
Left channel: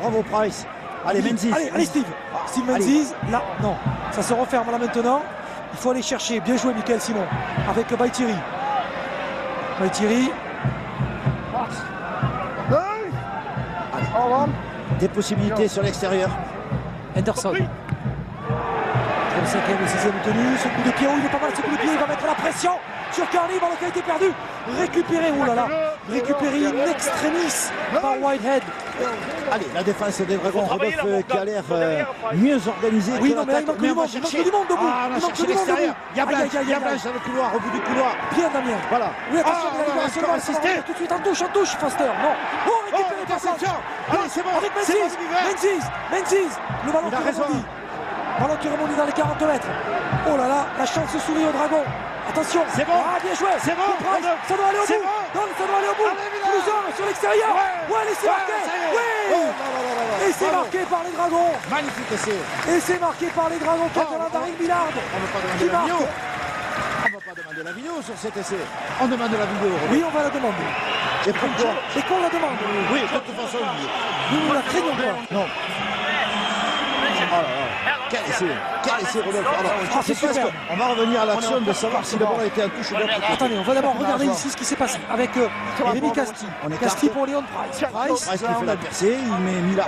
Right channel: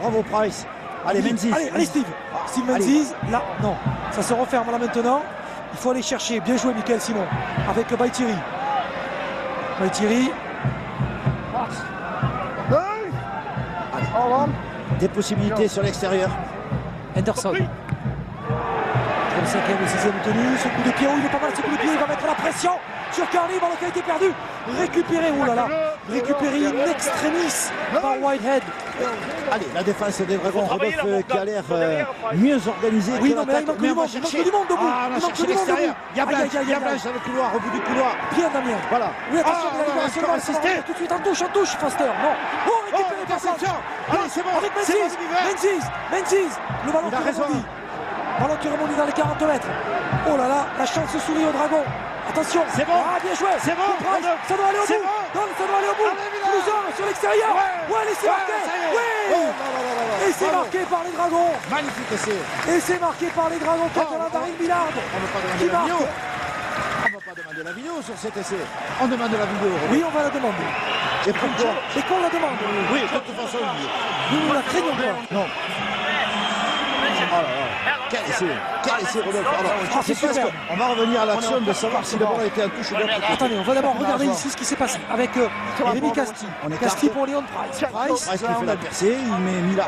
bravo Price. Allez, Menzies. Allez, Steve. Steve Menzies, là, non. Ça se referme là maintenant. Il faut aller chercher. Bien joué, Michael Simon. Avec Baïtiri. Des possibilités sur l'extérieur. Henderson. 35e et 6e tenue. Ce coup de pied, il est pas mal ce coup de pied. Il va mettre la pression sur Carly. Ballon qui a été perdu. Récupéré. Oh là là. récupéré in extremis par Whitehead. Allez, la défense des Dragons, Rodolphe qui a l'air mieux organisée Oui, que non, mais l'attaque. il manque on va du monde chercher. debout. Ah, on a Il manque cherché du monde l'extérieur. debout. Il y a Blanche, Aïe, aïe, il y a aïe, Blanche dans le couloir, au bout du couloir. Bien Damien. Voilà. Oui, attention, Ah, il non, va encore assisté. tout de suite en touche, Foster. Non. Oh, récupéré par interception. Allez, c'est bon. avec C'est bon, Menzies. Menzies. Le ballon Il a qui raison. rebondit. Ballon qui rebondit dans les 40 mètres. Oh là là, la chance sourit au Dragon. Attention. C'est bon. Ah, bien joué. C'est bon. Price, ça doit aller au C'est bout. bon. Non, ça doit aller au bout. Allez, Villa. Plus un sur l'extérieur. Ouais, laissez Ouais, marquer. ça y est. Oui. Oh, là, là, là, là. Et c'est Bravo. marqué par les Dragons. Magnifique essai. Et c'est marqué par les Dragons catalans d'Arin Billard. On ne va pas Qui demander la marque. vidéo. On ne va pas demander la vidéo sur cet essai. On demande la vidéo. Oui, on va la demander. Et pourquoi? Et qu'on la demande. Oui, de toute façon, oui. Nous la craignons pas. Non. Oh là là. Quel essai, Rodolphe. Alors, c'est c'est super. on va revenir à l'action de savoir si le ballon a été en touche de l'autre côté. Attendez, on va d'abord regarder ici ce qui s'est passé avec Rémi Casti. On écarte. Casti pour Léon Price. Price qui fait la percée, il met Millard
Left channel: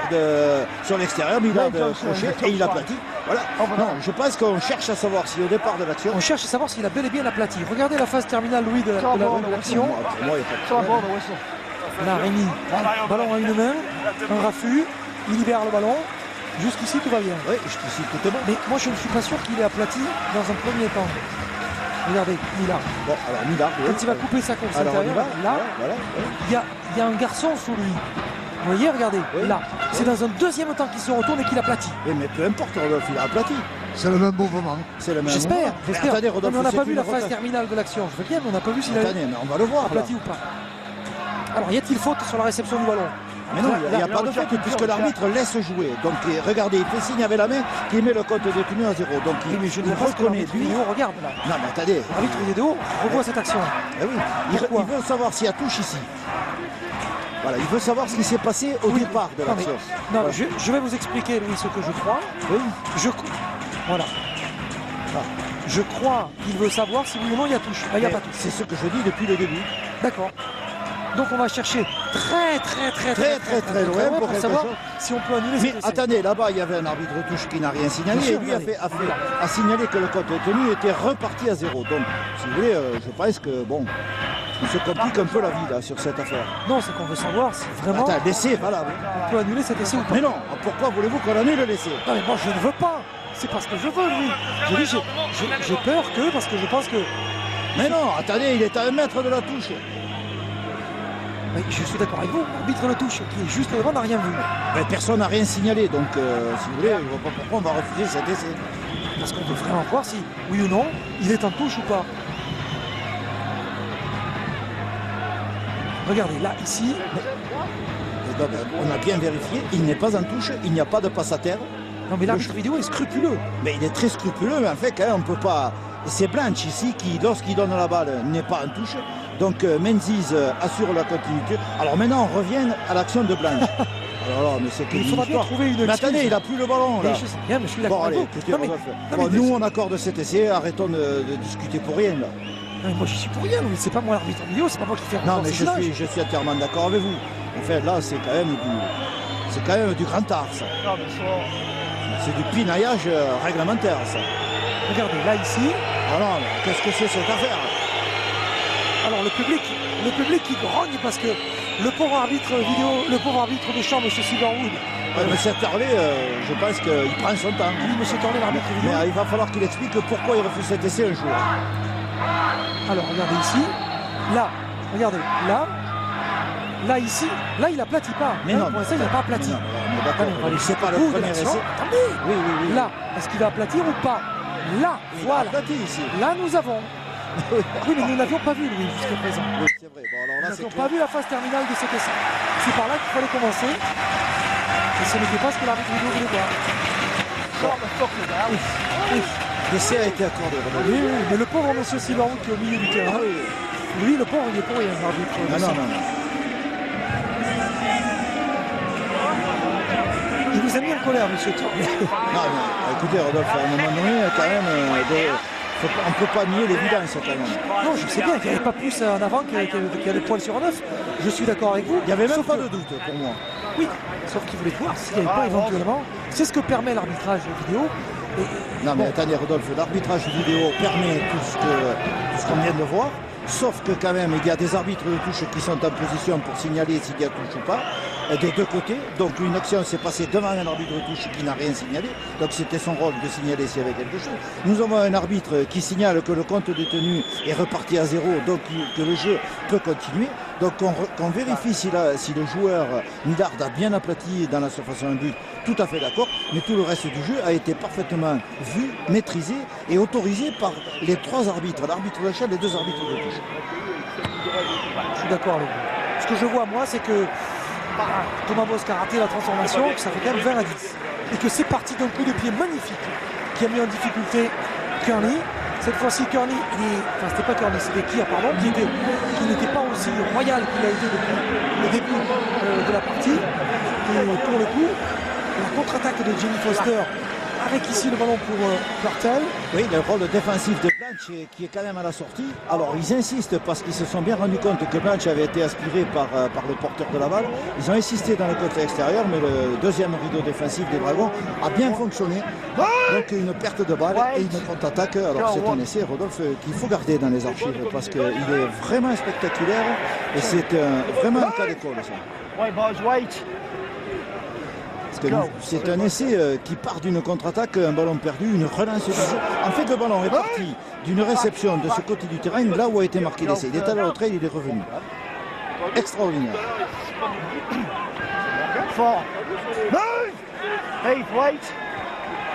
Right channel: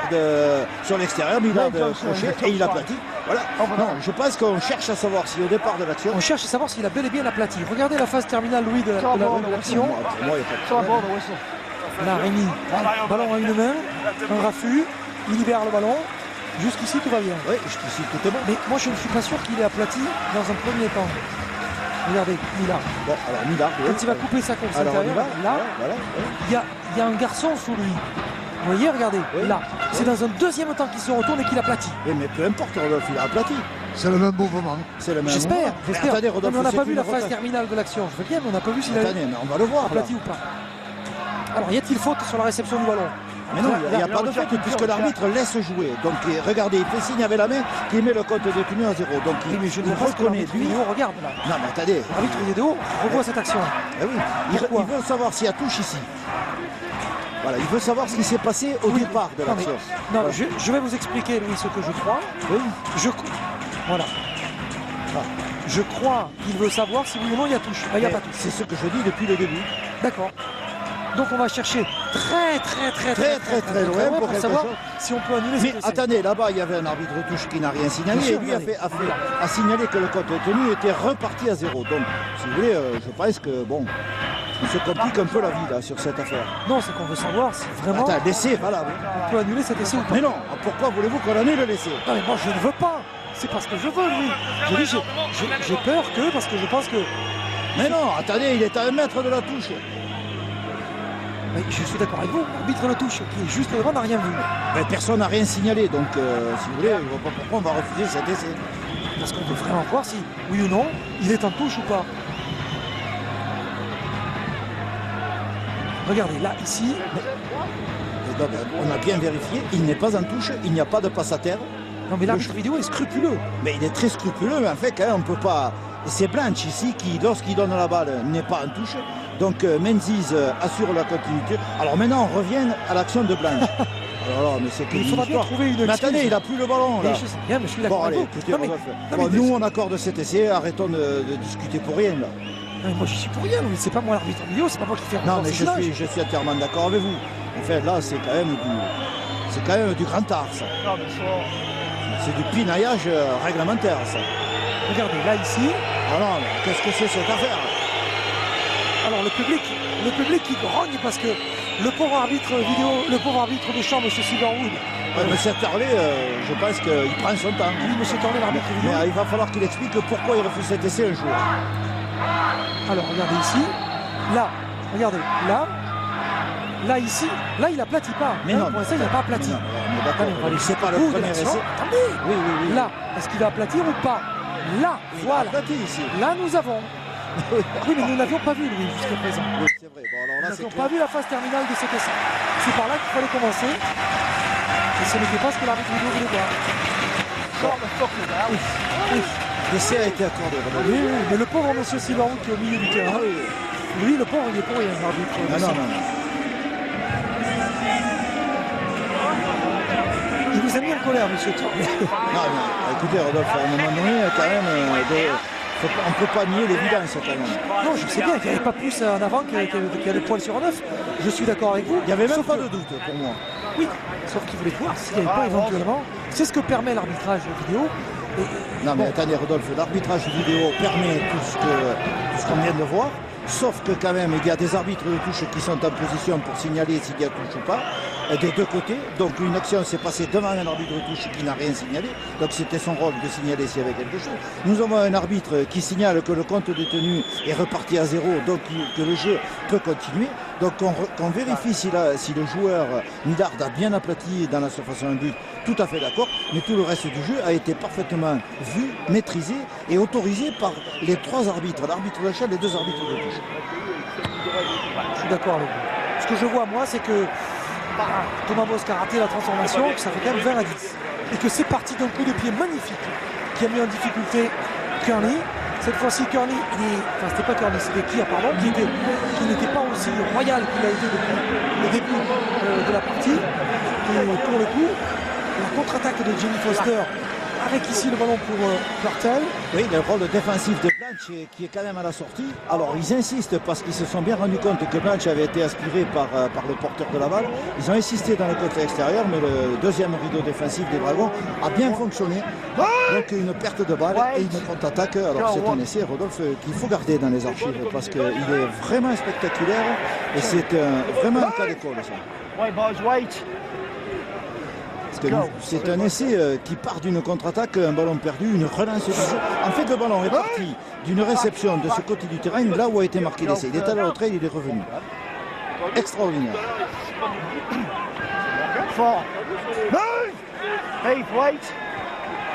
sur l'extérieur, Millard crochet et il aplatit. Voilà. Non, je pense qu'on cherche à savoir si au départ de l'action. On cherche à savoir s'il a bel et bien aplati. Regardez la phase terminale, Louis, de l'action. Pour moi, il n'y a pas de problème. Là, Rémi, ballon à une main, un raffut, il libère le ballon. Jusqu'ici, tout va bien. Oui, jusqu'ici, tout est bon. Mais moi, je ne suis pas sûr qu'il ait aplati dans un premier temps. Regardez, Millard. Bon, alors Millard, oui. Quand il va couper sa course Alors, on y intérieure, va. là, Voilà. il y a un garçon sous lui. Vous voyez, regardez, Oui. là. C'est dans un deuxième temps qu'il se retourne et qu'il aplatit. Oui, mais peu importe, Rodolphe, il a aplati. C'est le même mouvement. C'est le même J'espère, moment. j'espère. Attendez, Non, Rodolphe, mais on n'a c'est pas vu une la phase rotation. terminale de l'action. Je veux bien, mais on n'a pas vu s'il a Attendez, mais on va le voir. là. aplati ou pas. Alors, y a-t-il faute sur la réception du ballon? Mais non, il n'y a pas de faute puisque l'arbitre laisse jouer. Donc regardez, il fait signe avec la main qu'il met le compte détenu à 0. Donc Oui, mais je il ne pense que reconnaît l'arbitre lui. vidéo regarde là. Non mais attendez, L'arbitre vidéo revoit cette action. eh oui, il Pourquoi veut savoir s'il y a touche ici. Voilà, il veut savoir ce qui s'est passé au départ de Non, mais, l'action. non, Voilà. je vais vous expliquer, Louis, ce que je crois. Oui. Voilà. Je crois qu'il veut savoir si oui ou non il y a touche. Là, il n'y a Mais pas touche. c'est ce que je dis depuis le début. D'accord. Donc on va chercher très loin pour pour quelque savoir chose. si on peut annuler Mais cet essai. attendez, là-bas, il y avait un arbitre de touche qui n'a rien signalé. Bien sûr, Et lui a signalé que le compte détenu était reparti à 0. Donc, si vous voulez, je pense que, bon, il se complique un peu la vie là, sur cette affaire. Non, c'est qu'on veut savoir si vraiment Attends, l'essai, voilà. Oui. on peut annuler cet essai ou pas. Mais non, pourquoi voulez-vous qu'on annule l'essai? Non mais moi je ne veux pas. C'est pas ce que je veux, Louis. J'ai dit j'ai peur que parce que je pense que Mais non, attendez, il est à 1 mètre de la touche. mais je suis d'accord avec vous. L'arbitre le touche qui est juste devant n'a rien vu. Mais personne n'a rien signalé, donc si vous voulez, je vois pas pourquoi on va refuser cet essai. Parce qu'on veut vraiment voir si oui ou non il est en touche ou pas. Regardez là ici. Et donc, on a bien vérifié, il n'est pas en touche, il n'y a pas de passe à terre. Non mais l'arbitre vidéo est scrupuleux. Mais il est très scrupuleux, mais en fait, quand même, on ne peut pas. C'est Blanche ici qui, lorsqu'il donne la balle, n'est pas en touche. Donc Menzies assure la continuité. Alors maintenant, on revient à l'action de Blanche. Alors là, mais c'est Il faudra bien trouver une Mais excuse. attendez, il n'a plus le ballon là. Mais je sais bien, mais je suis d'accord Bon, avec allez, vous. écoutez, Non, mais- Rodolphe. non, Bon, mais- nous, on accorde cet essai, arrêtons de discuter pour rien là. Non, mais moi je suis pour rien, Louis. C'est pas moi l'arbitre vidéo, c'est pas moi qui fais Non, mais ce silence. je suis entièrement d'accord avec vous. En fait, là, c'est quand même du grand art, ça. C'est du pinaillage réglementaire, ça. Regardez, là ici, Alors, qu'est-ce que c'est cette affaire? alors le public qui grogne parce que le pauvre arbitre vidéo, le pauvre arbitre de champ, M. Silverwood, Mais cette Harley, je pense qu'il prend son temps. oui, M. Tornet, l'arbitre vidéo. Mais il va falloir qu'il explique pourquoi il refuse cet essai un jour. Alors regardez ici, là, regardez, là ici, là il aplatit pas. Mais Hein, non, pour l'instant, il n'a pas aplati. mais non, mais d'accord, Attendez, on va aller c'est pas le jusqu'au bout de premier l'action. essai. Attendez, Oui. là, est-ce qu'il va aplatir ou pas? Là, Il a voilà. aplati ici. Là nous avons. Oui, mais nous n'avions pas vu, Louis, jusqu'à présent. Oui, c'est vrai. Bon, alors Nous là, c'est n'avions clair. pas vu la phase terminale de cet essai. C'est par là qu'il fallait commencer. Et ce n'était pas ce que l'arbitre vidéo voulait voir. Oui. L'essai a été accordé. Rodolphe. Oui, mais le pauvre monsieur Silverwood qui est au milieu du terrain, lui, le pauvre, il est pour rien, l'arbitre. Non. Il vous a mis en colère, monsieur Tornet. Non, écoutez, Rodolphe, à un moment donné, quand même, on ne peut pas nier l'évidence, quand même. Non, je sais bien qu'il n'y avait pas plus en avant qu'il y a des points sur un œuf. Je suis d'accord avec vous. Il n'y avait même Sauf pas que- de doute pour moi. Oui, sauf qu'il voulait voir s'il n'y avait pas éventuellement. C'est ce que permet l'arbitrage vidéo. Et, Non, mais attendez, Rodolphe, l'arbitrage vidéo permet tout ce qu'on vient de voir. sauf que quand même il y a des arbitres de touche qui sont en position pour signaler s'il y a touche ou pas, des deux côtés. Donc une action s'est passée devant un arbitre de touche qui n'a rien signalé, donc c'était son rôle de signaler s'il y avait quelque chose. Nous avons un arbitre qui signale que le compte détenu est reparti à 0, donc que le jeu peut continuer. Donc on vérifie si le joueur Millard a bien aplati dans la surface d'un but, tout à fait d'accord, mais tout le reste du jeu a été parfaitement vu, maîtrisé et autorisé par les trois arbitres, l'arbitre d'achat et les deux arbitres de touche. Je suis d'accord avec vous. Ce que je vois, moi, c'est que Thomas Bosc a raté la transformation, que ça fait quand même 20 à 10. Et que c'est parti d'un coup de pied magnifique qui a mis en difficulté Kearney. Cette fois-ci, Kearney, c'était pas Kearney, c'était Kier, pardon, qui n'était pas aussi royal qu'il a été depuis le début de la partie. Et pour le coup, la contre-attaque de Jenny Foster, avec ici le ballon pour Purtell. Oui, le rôle défensif de Blanche qui est quand même à la sortie. Alors ils insistent parce qu'ils se sont bien rendus compte que Blanche avait été aspiré par le porteur de la balle. Ils ont insisté dans le côté extérieur, mais le deuxième rideau défensif des Dragons a bien fonctionné. Donc une perte de balle et une contre-attaque. Alors c'est un essai, Rodolphe, qu'il faut garder dans les archives parce qu'il est vraiment spectaculaire et c'est vraiment un cas d'école. C'est un essai qui part d'une contre-attaque, un ballon perdu, une relance du jeu. En fait, le ballon est parti d'une réception de ce côté du terrain, là où a été marqué l'essai. Il est allé au trait, il est revenu. Extraordinaire.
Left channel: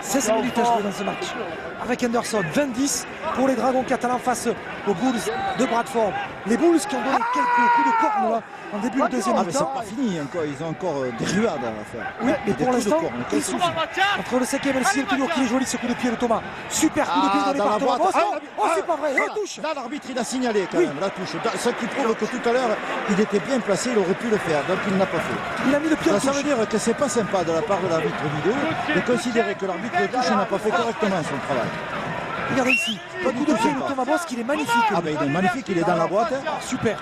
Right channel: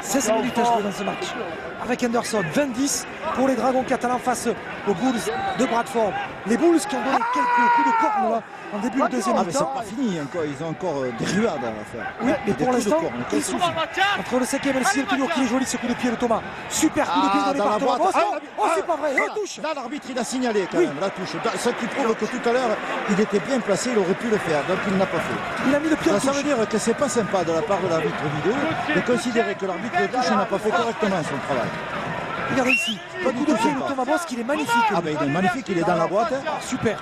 16 minutes à jouer dans ce match. Avec Henderson, 20-10 pour les Dragons catalans face aux Bulls de Bradford. Les Bulls qui ont donné quelques coups de corne là, en début de deuxième mi-temps. C'est pas fini encore, ils ont encore des ruades à faire. Oui, mais pour l'instant, il suffit. Entre le 5e et le 6e, toujours qui est joli ce coup de pied de Thomas. Super coup de pied donné par Thomas. Oh, c'est pas vrai, il touche. Là, l'arbitre, il a signalé quand même la touche. Ce qui prouve que tout à l'heure, il était bien placé, il aurait pu le faire, donc il ne l'a pas fait. Il a mis le pied en touche. Ça veut dire que c'est pas sympa de la part de l'arbitre vidéo de considérer que l'arbitre de touche n'a pas fait correctement son travail. Regardez ici, le coup de pied de Thomas Bosc, il est magnifique. Ah ben il est magnifique, il est dans la boîte. Super,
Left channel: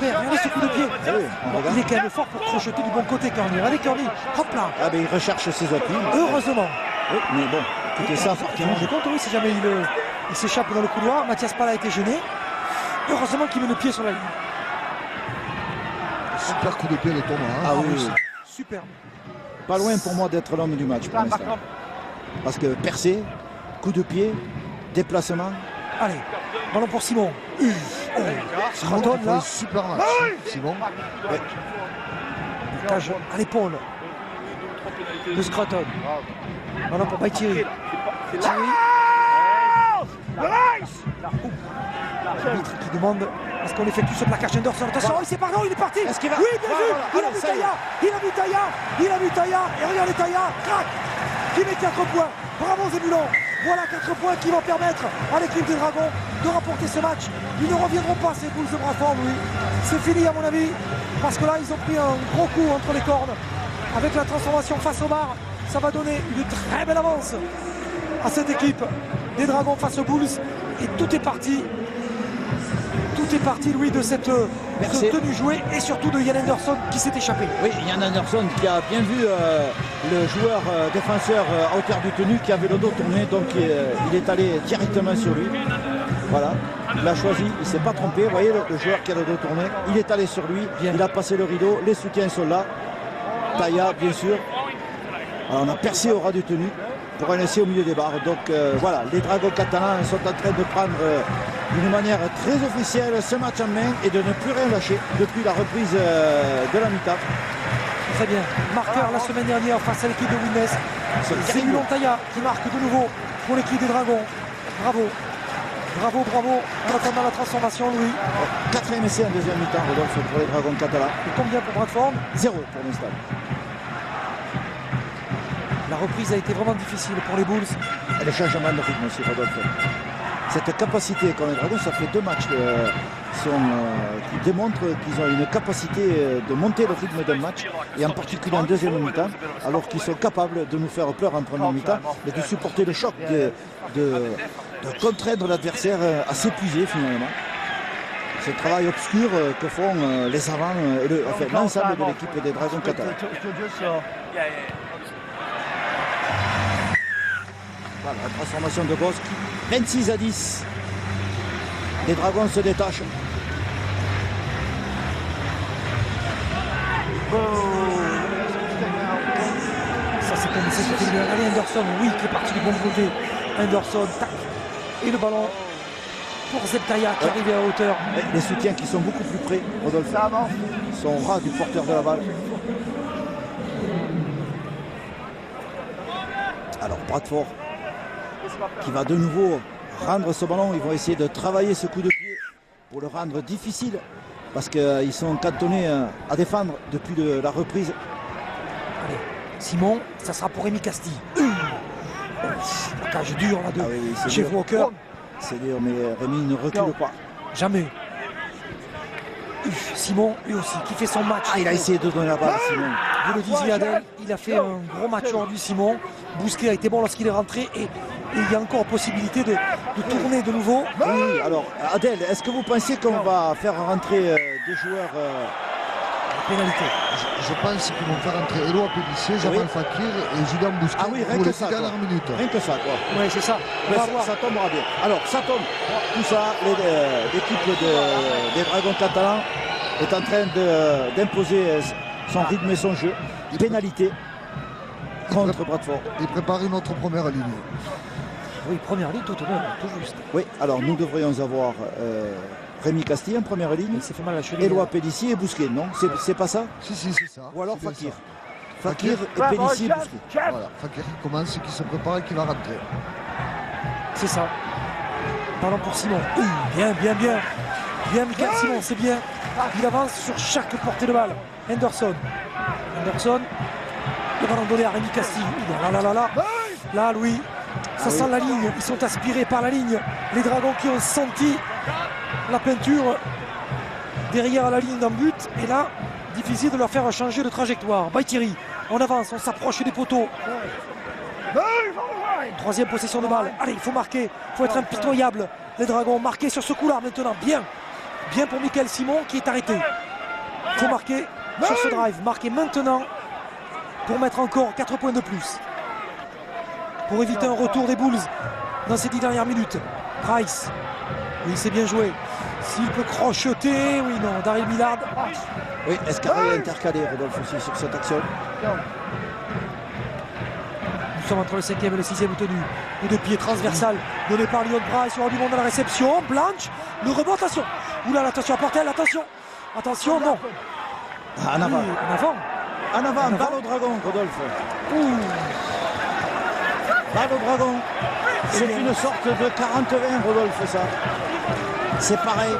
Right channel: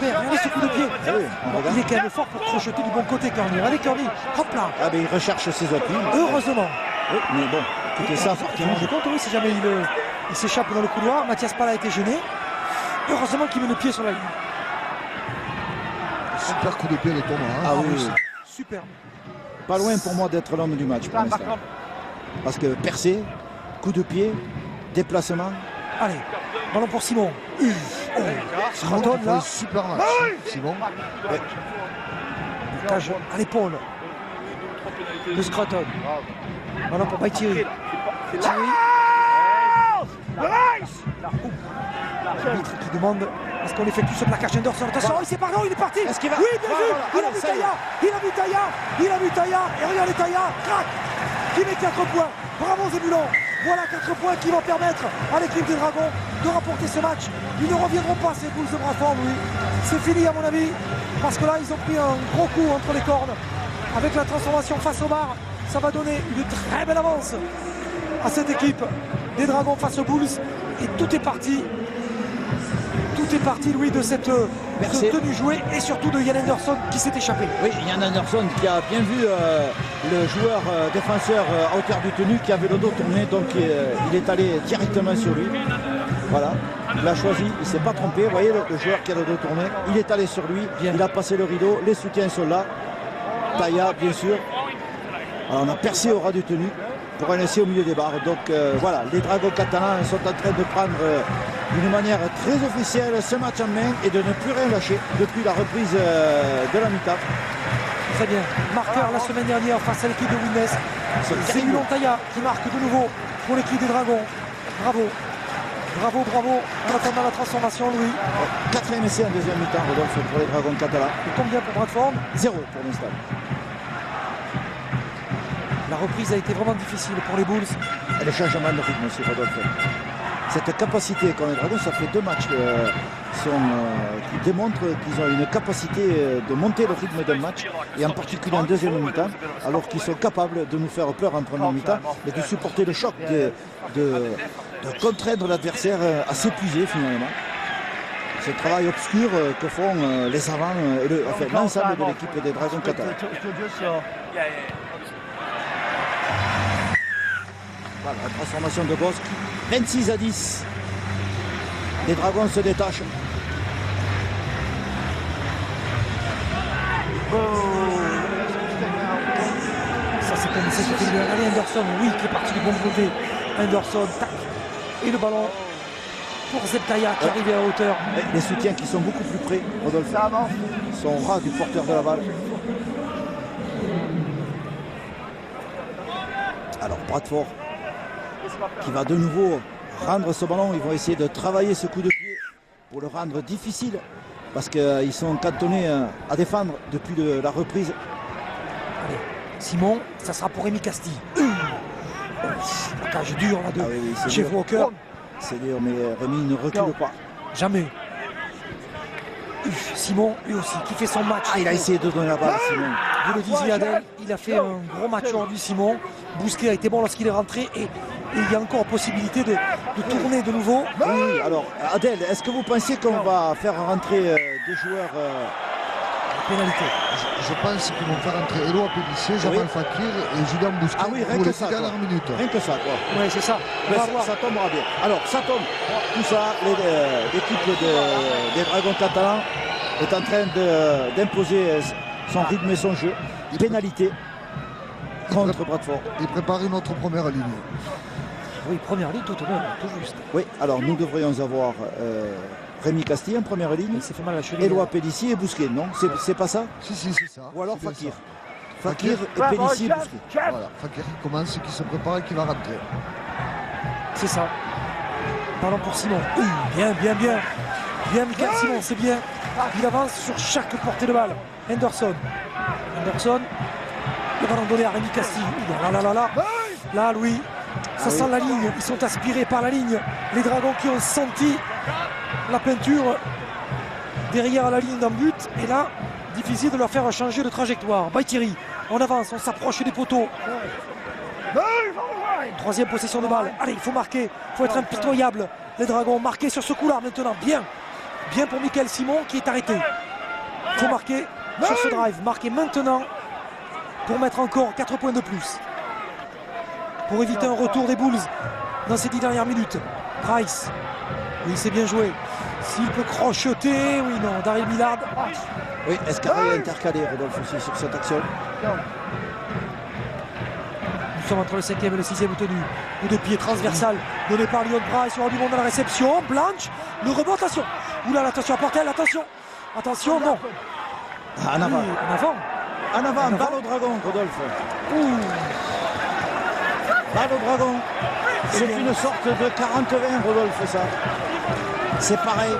regardez ce coup de pied. Ah oui, il est quand même fort pour crocheter du bon côté, Kearney. Allez, Kearney, hop là. Ah ben il recherche ses appuis. Heureusement. Oui, mais bon, écoutez ça, forcément. Je compte, oui, si jamais il s'échappe dans le couloir. Mathias Pal a été gêné. Heureusement qu'il met le pied sur la ligne. Super coup de pied de Thomas. Ah oui. Super. Pas loin pour moi d'être l'homme du match pour l'instant. Parce que percé, coup de pied, déplacement. Allez, ballon pour Simon. Simon qui fait un super match. Simon. Cage à l'épaule de Scruton. Ballon pour Thierry. L'arbitre qui demande est-ce qu'on effectue ce plaquage Henderson. Attention, il s'est parlé, il est parti. Est-ce qu'il va... Oui, bien vu. Il a vu Taïa. Et regardez Taïa, crac, qui met 4 points. Bravo Zébulon. Voilà 4 points qui vont permettre à l'équipe des Dragons de remporter ce match. Ils ne reviendront pas ces Bulls de Bradford, oui. C'est fini à mon avis, parce que là ils ont pris un gros coup entre les cornes. Avec la transformation face au bar, ça va donner une très belle avance à cette équipe des Dragons face aux Bulls. Et tout est parti. Tout est parti, Louis, de cette tenue jouée et surtout de Yann Henderson qui s'est échappé. Oui, Yann Henderson qui a bien vu le joueur défenseur à hauteur du tenue qui avait le dos tourné, donc il est allé directement sur lui. Voilà, il l'a choisi, il ne s'est pas trompé. Vous voyez le joueur qui a le dos tourné, il est allé sur lui, il a passé le rideau, les soutiens sont là. Taïa, bien sûr. Alors, on a percé au ras du tenue pour un essai au milieu des barres. Donc voilà, les Dragons catalans sont en train de prendre d'une manière très officielle ce match en main et de ne plus rien lâcher depuis la reprise de la mi-temps. Très bien. Marqueur la semaine dernière face à l'équipe de Winnes. C'est Zébulon Taïa qui marque de nouveau pour l'équipe des Dragons. Bravo. En attendant la transformation, Louis. 4e essai en deuxième mi-temps, Rodolphe, pour les Dragons catalans. Il tombe bien pour Bradford. 0 pour l'instant. La reprise a été vraiment difficile pour les Bulls. Et le changement de rythme aussi, Rodolphe. Cette capacité qu'ont les Dragons, ça fait 2 matchs qui démontrent qu'ils ont une capacité de monter le rythme d'un match, et en particulier en deuxième mi-temps, alors qu'ils sont capables de nous faire peur en première mi-temps, et de supporter le choc, de contraindre l'adversaire à s'épuiser finalement. C'est le travail obscur que font les avants et l'ensemble de l'équipe des Dragons catalans. Voilà, la transformation de Bosc, 26 à 10. Les Dragons se détachent. on essaie de faire bien. Allez, Anderson, oui, qui est parti du bon côté. Anderson, tac. Et le ballon pour Zebkaya qui arrive à hauteur. Les soutiens qui sont beaucoup plus près, Rodolphe, sont ras du porteur de la balle. Alors Bradford qui va de nouveau rendre ce ballon. Ils vont essayer de travailler ce coup de pied pour le rendre difficile parce qu'ils sont cantonnés à défendre depuis la reprise. Allez, Simon, ça sera pour Rémi Castille. La cage dure là de chez Walker. C'est dur, mais Rémi ne recule pas. Jamais. Simon, lui aussi, qui fait son match. Il a essayé de donner la balle, Simon. Vous le disiez, Adèle, il a fait un gros match aujourd'hui, Simon. Bousquet a été bon lorsqu'il est rentré et il y a encore possibilité de tourner de nouveau. Oui, alors, Adèle, est-ce que vous pensez qu'on va faire rentrer des joueurs pénalité? Je pense qu'ils vont faire entrer Éloi Pélissier, Jamal Fakir et Julien Bousquet rien pour que les ça, 10 dernières minutes. Rien que ça, quoi. Oui, c'est ça. Mais ça tombera bien. Alors, ça tombe. Tout ça, l'équipe des Dragons catalans est en train d'imposer son rythme et son jeu. Pénalité contre Bradford. Et préparer notre première ligne. Oui, première ligne, tout honneur, tout juste. Oui, alors nous devrions avoir Rémi Castille en première ligne. Ça fait mal à la cheville. Éloi Pélissier et Bousquet, non? C'est pas ça? Si, c'est ça. Ou alors C'est bien Fakir. ça. Fakir et Pélissier, Bousquet. Voilà, Fakir qui commence, qui se prépare et qui va rentrer. C'est ça. Ballon pour Simon. Bien. Bien, Michael Simon, c'est bien. Il avance sur chaque portée de balle. Anderson, il va en donner à Rémi Castille. Là, Louis, ça sent la ligne. Ils sont aspirés par la ligne. Les Dragons qui ont senti la peinture derrière la ligne d'un but. Et là, difficile de leur faire changer de trajectoire. Baïtiri, on avance, on s'approche des poteaux. Troisième possession de balle. Allez, il faut marquer, il faut être impitoyable. Les Dragons marqués sur ce coup-là maintenant. Bien pour Michael Simon qui est arrêté. Il faut marquer sur ce drive. Marquer maintenant pour mettre encore 4 points de plus. Pour éviter un retour des Bulls dans ces 10 dernières minutes. Price. Oui, c'est bien joué. S'il peut crocheter, oui, non. Daryl Millard. Oui, Escarré a intercalé, Rodolphe, aussi sur cette action. Nous sommes entre le 5e et le 6e tenu. Coup de pied transversal donné par Lyon Price. Il y aura du monde à la réception. Blanche, le rebond, attention. Oula, attention à Portel, attention, non. En avant. En avant. Balle au dragon, Rodolphe. Balle au dragon. C'est une sorte de 40-20, Rodolphe, ça. C'est pareil.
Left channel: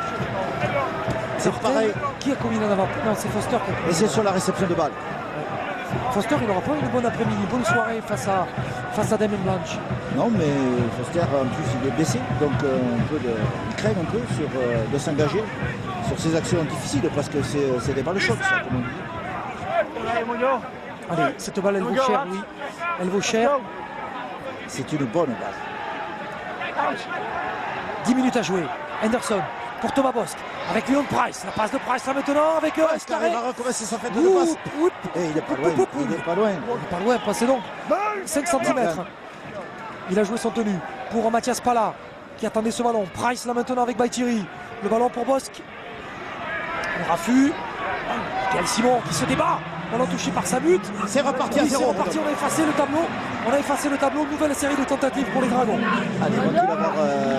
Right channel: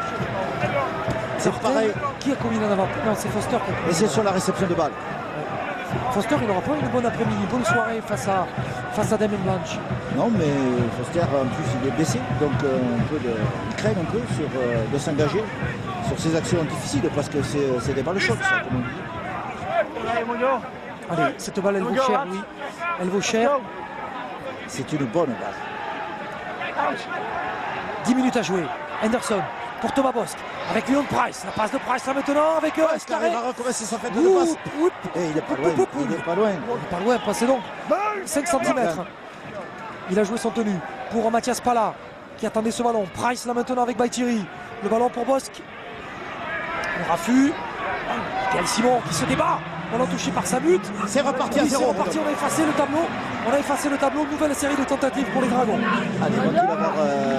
Qui a commis en avant? Non, c'est Foster. Et c'est sur la réception de balle. Foster, il n'aura pas une bonne après-midi, une bonne soirée face à Damien Blanche. Non, mais Foster, en plus, il est blessé. Donc, il craint un peu de s'engager sur ces actions difficiles parce que c'est des balles chocs, ça, comme on dit. Allez, cette balle, elle vaut cher, oui. Elle vaut cher. C'est une bonne balle. 10 minutes à jouer. Anderson pour Thomas Bosque avec Leon Price. La passe de Price là maintenant avec Escarré. Il va recommencer sa fête de passe. Et il est pas loin. Pas loin, passez donc. 5 cm. Il a joué son tenue pour Mathias Pala qui attendait ce ballon. Price là maintenant avec Baïtiri. Le ballon pour Bosque. Le raffut. Quel Simon qui se débat. Ballon touché par sa butte. C'est reparti à 0. On a effacé le tableau. Nouvelle série de tentatives pour les Dragons. Allez, va-t-il avoir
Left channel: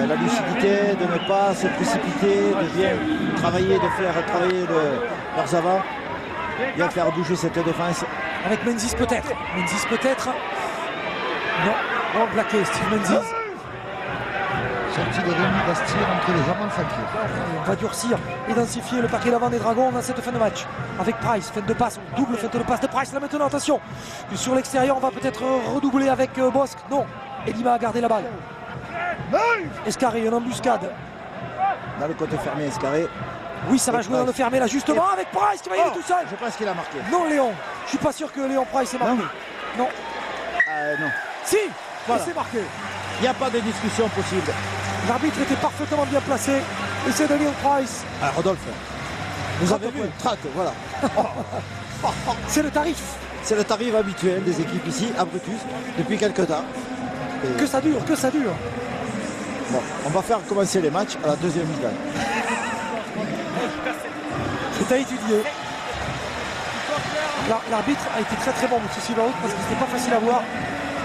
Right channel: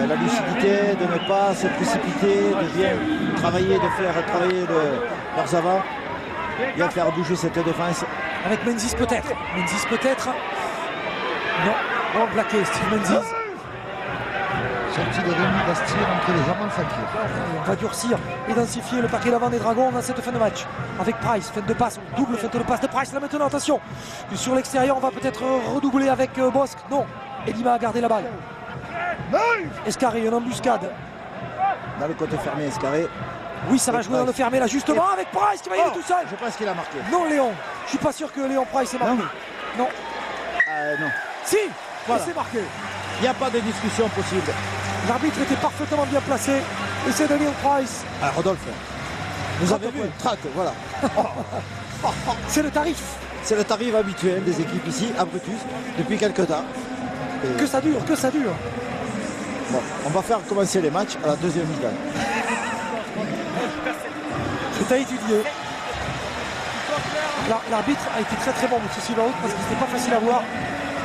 la lucidité de ne pas se précipiter, de bien travailler, de faire travailler leurs avants, bien faire bouger cette défense. Avec Menzies peut-être. Non, plaqué, Steve Menzies. Sortie de Rémi Bastille entre les Jamal Fakir. On va durcir et densifier le paquet d'avant des Dragons dans cette fin de match. Avec Price, feinte de passe, double feinte de passe de Price là maintenant, attention. Sur l'extérieur, on va peut-être redoubler avec Bosque. Non, Elima a gardé la balle. Escarré, une embuscade. Dans le côté fermé, Escarré. Oui, ça va jouer dans le fermé là, justement, avec Price qui va y aller tout seul. Je pense qu'il a marqué. Non, Léon. Je suis pas sûr que Léon Price ait marqué. Non. Non. Si, voilà. C'est marqué. Il n'y a pas de discussion possible. L'arbitre était parfaitement bien placé. Et c'est de Léon Price. Ah, Rodolphe, vous avez vu, traque, voilà. C'est le tarif. C'est le tarif habituel des équipes ici, à Brutus, depuis quelques temps. Et... Que ça dure. Bon, on va faire commencer les matchs à la deuxième mi-temps. C'est à étudier. L'arbitre a été très très bon, M. Silverwood, parce que c'était pas facile à voir.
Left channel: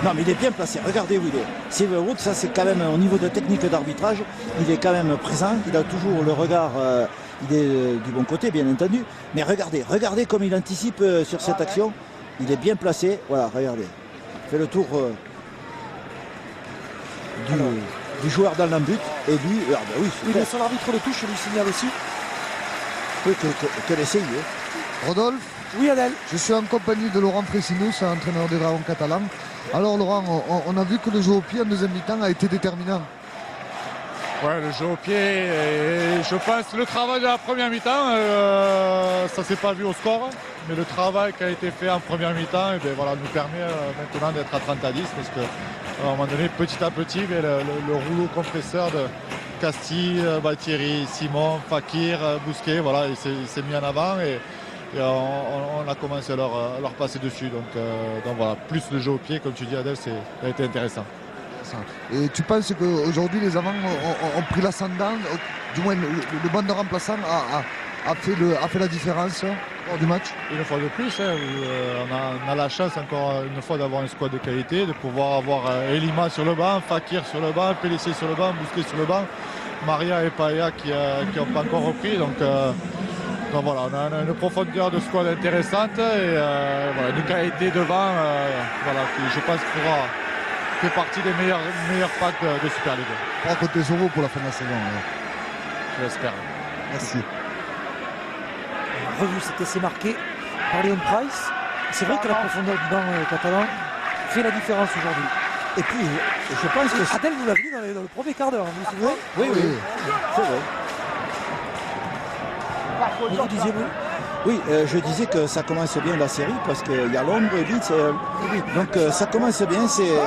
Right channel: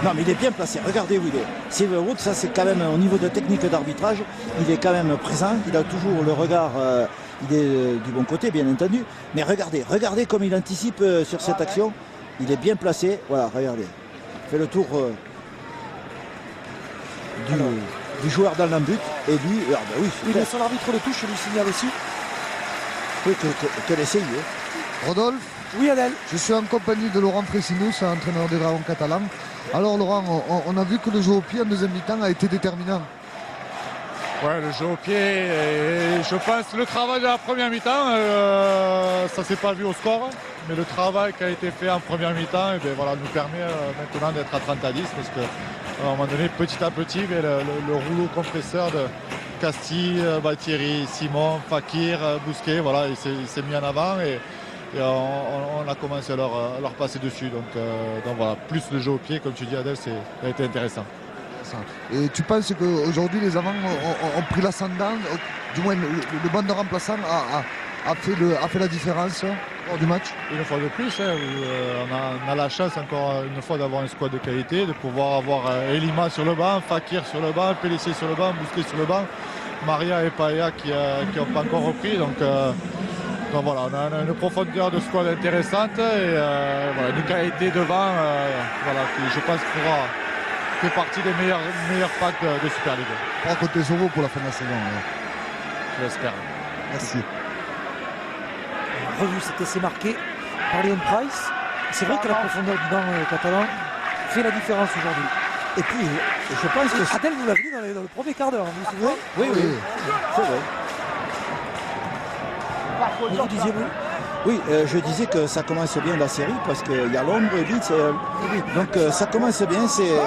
Non, mais il est bien placé. Regardez où il est. Silverwood, ça c'est quand même au niveau de technique d'arbitrage, il est quand même présent. Il a toujours le regard, il est du bon côté, bien entendu. Mais regardez comme il anticipe sur cette action. Il est bien placé. Voilà, regardez. Il fait le tour du joueur dans l'embut. Et lui, ben oui, Oui, mais son arbitre de touche, je lui signale aussi. Que l'essaye. Rodolphe, Oui, Adèle. je suis en compagnie de Laurent Fressinos, entraîneur des Dragons catalans. Alors Laurent, on a vu que le jeu au pied en deuxième mi-temps a été déterminant. Ouais, le jeu au pied, et je pense le travail de la première mi-temps, ça s'est pas vu au score, mais le travail qui a été fait en première mi-temps, et voilà, nous permet maintenant d'être à 30-10, parce qu'à un moment donné, petit à petit, mais le rouleau compresseur de Castille, Baltieri, Simon, Fakir, Bousquet, voilà, il s'est mis en avant et on a commencé à leur passer dessus. Donc voilà, plus le jeu au pied, comme tu dis Adèle, ça a été intéressant. Et tu penses qu'aujourd'hui les avants ont pris l'ascendant, du moins le banc de remplaçants a fait la différence lors du match? Une fois de plus, on a la chance encore une fois d'avoir un squad de qualité, de pouvoir avoir Elima sur le banc, Fakir sur le banc, Pellissier sur le banc, Bousquet sur le banc, Maria et Paya qui n'ont pas encore repris. Donc voilà, on a une profondeur de squad intéressante et voilà, une qualité devant qui je pense fait partie des meilleurs packs de Super League. On va compter sur vous pour la fin de la saison. Je l'espère. Merci. On a revu cet essai marqué par Léon Price. C'est vrai que la profondeur du banc catalan fait la différence aujourd'hui. Et puis, je pense que... Adèle, vous l'avez dit dans le premier quart d'heure, vous vous souvenez? Oui, c'est vrai. Vous disiez vous? Oui, je disais que ça commence bien la série parce qu'il y a l'ombre et Leeds. Donc ça commence bien, c'est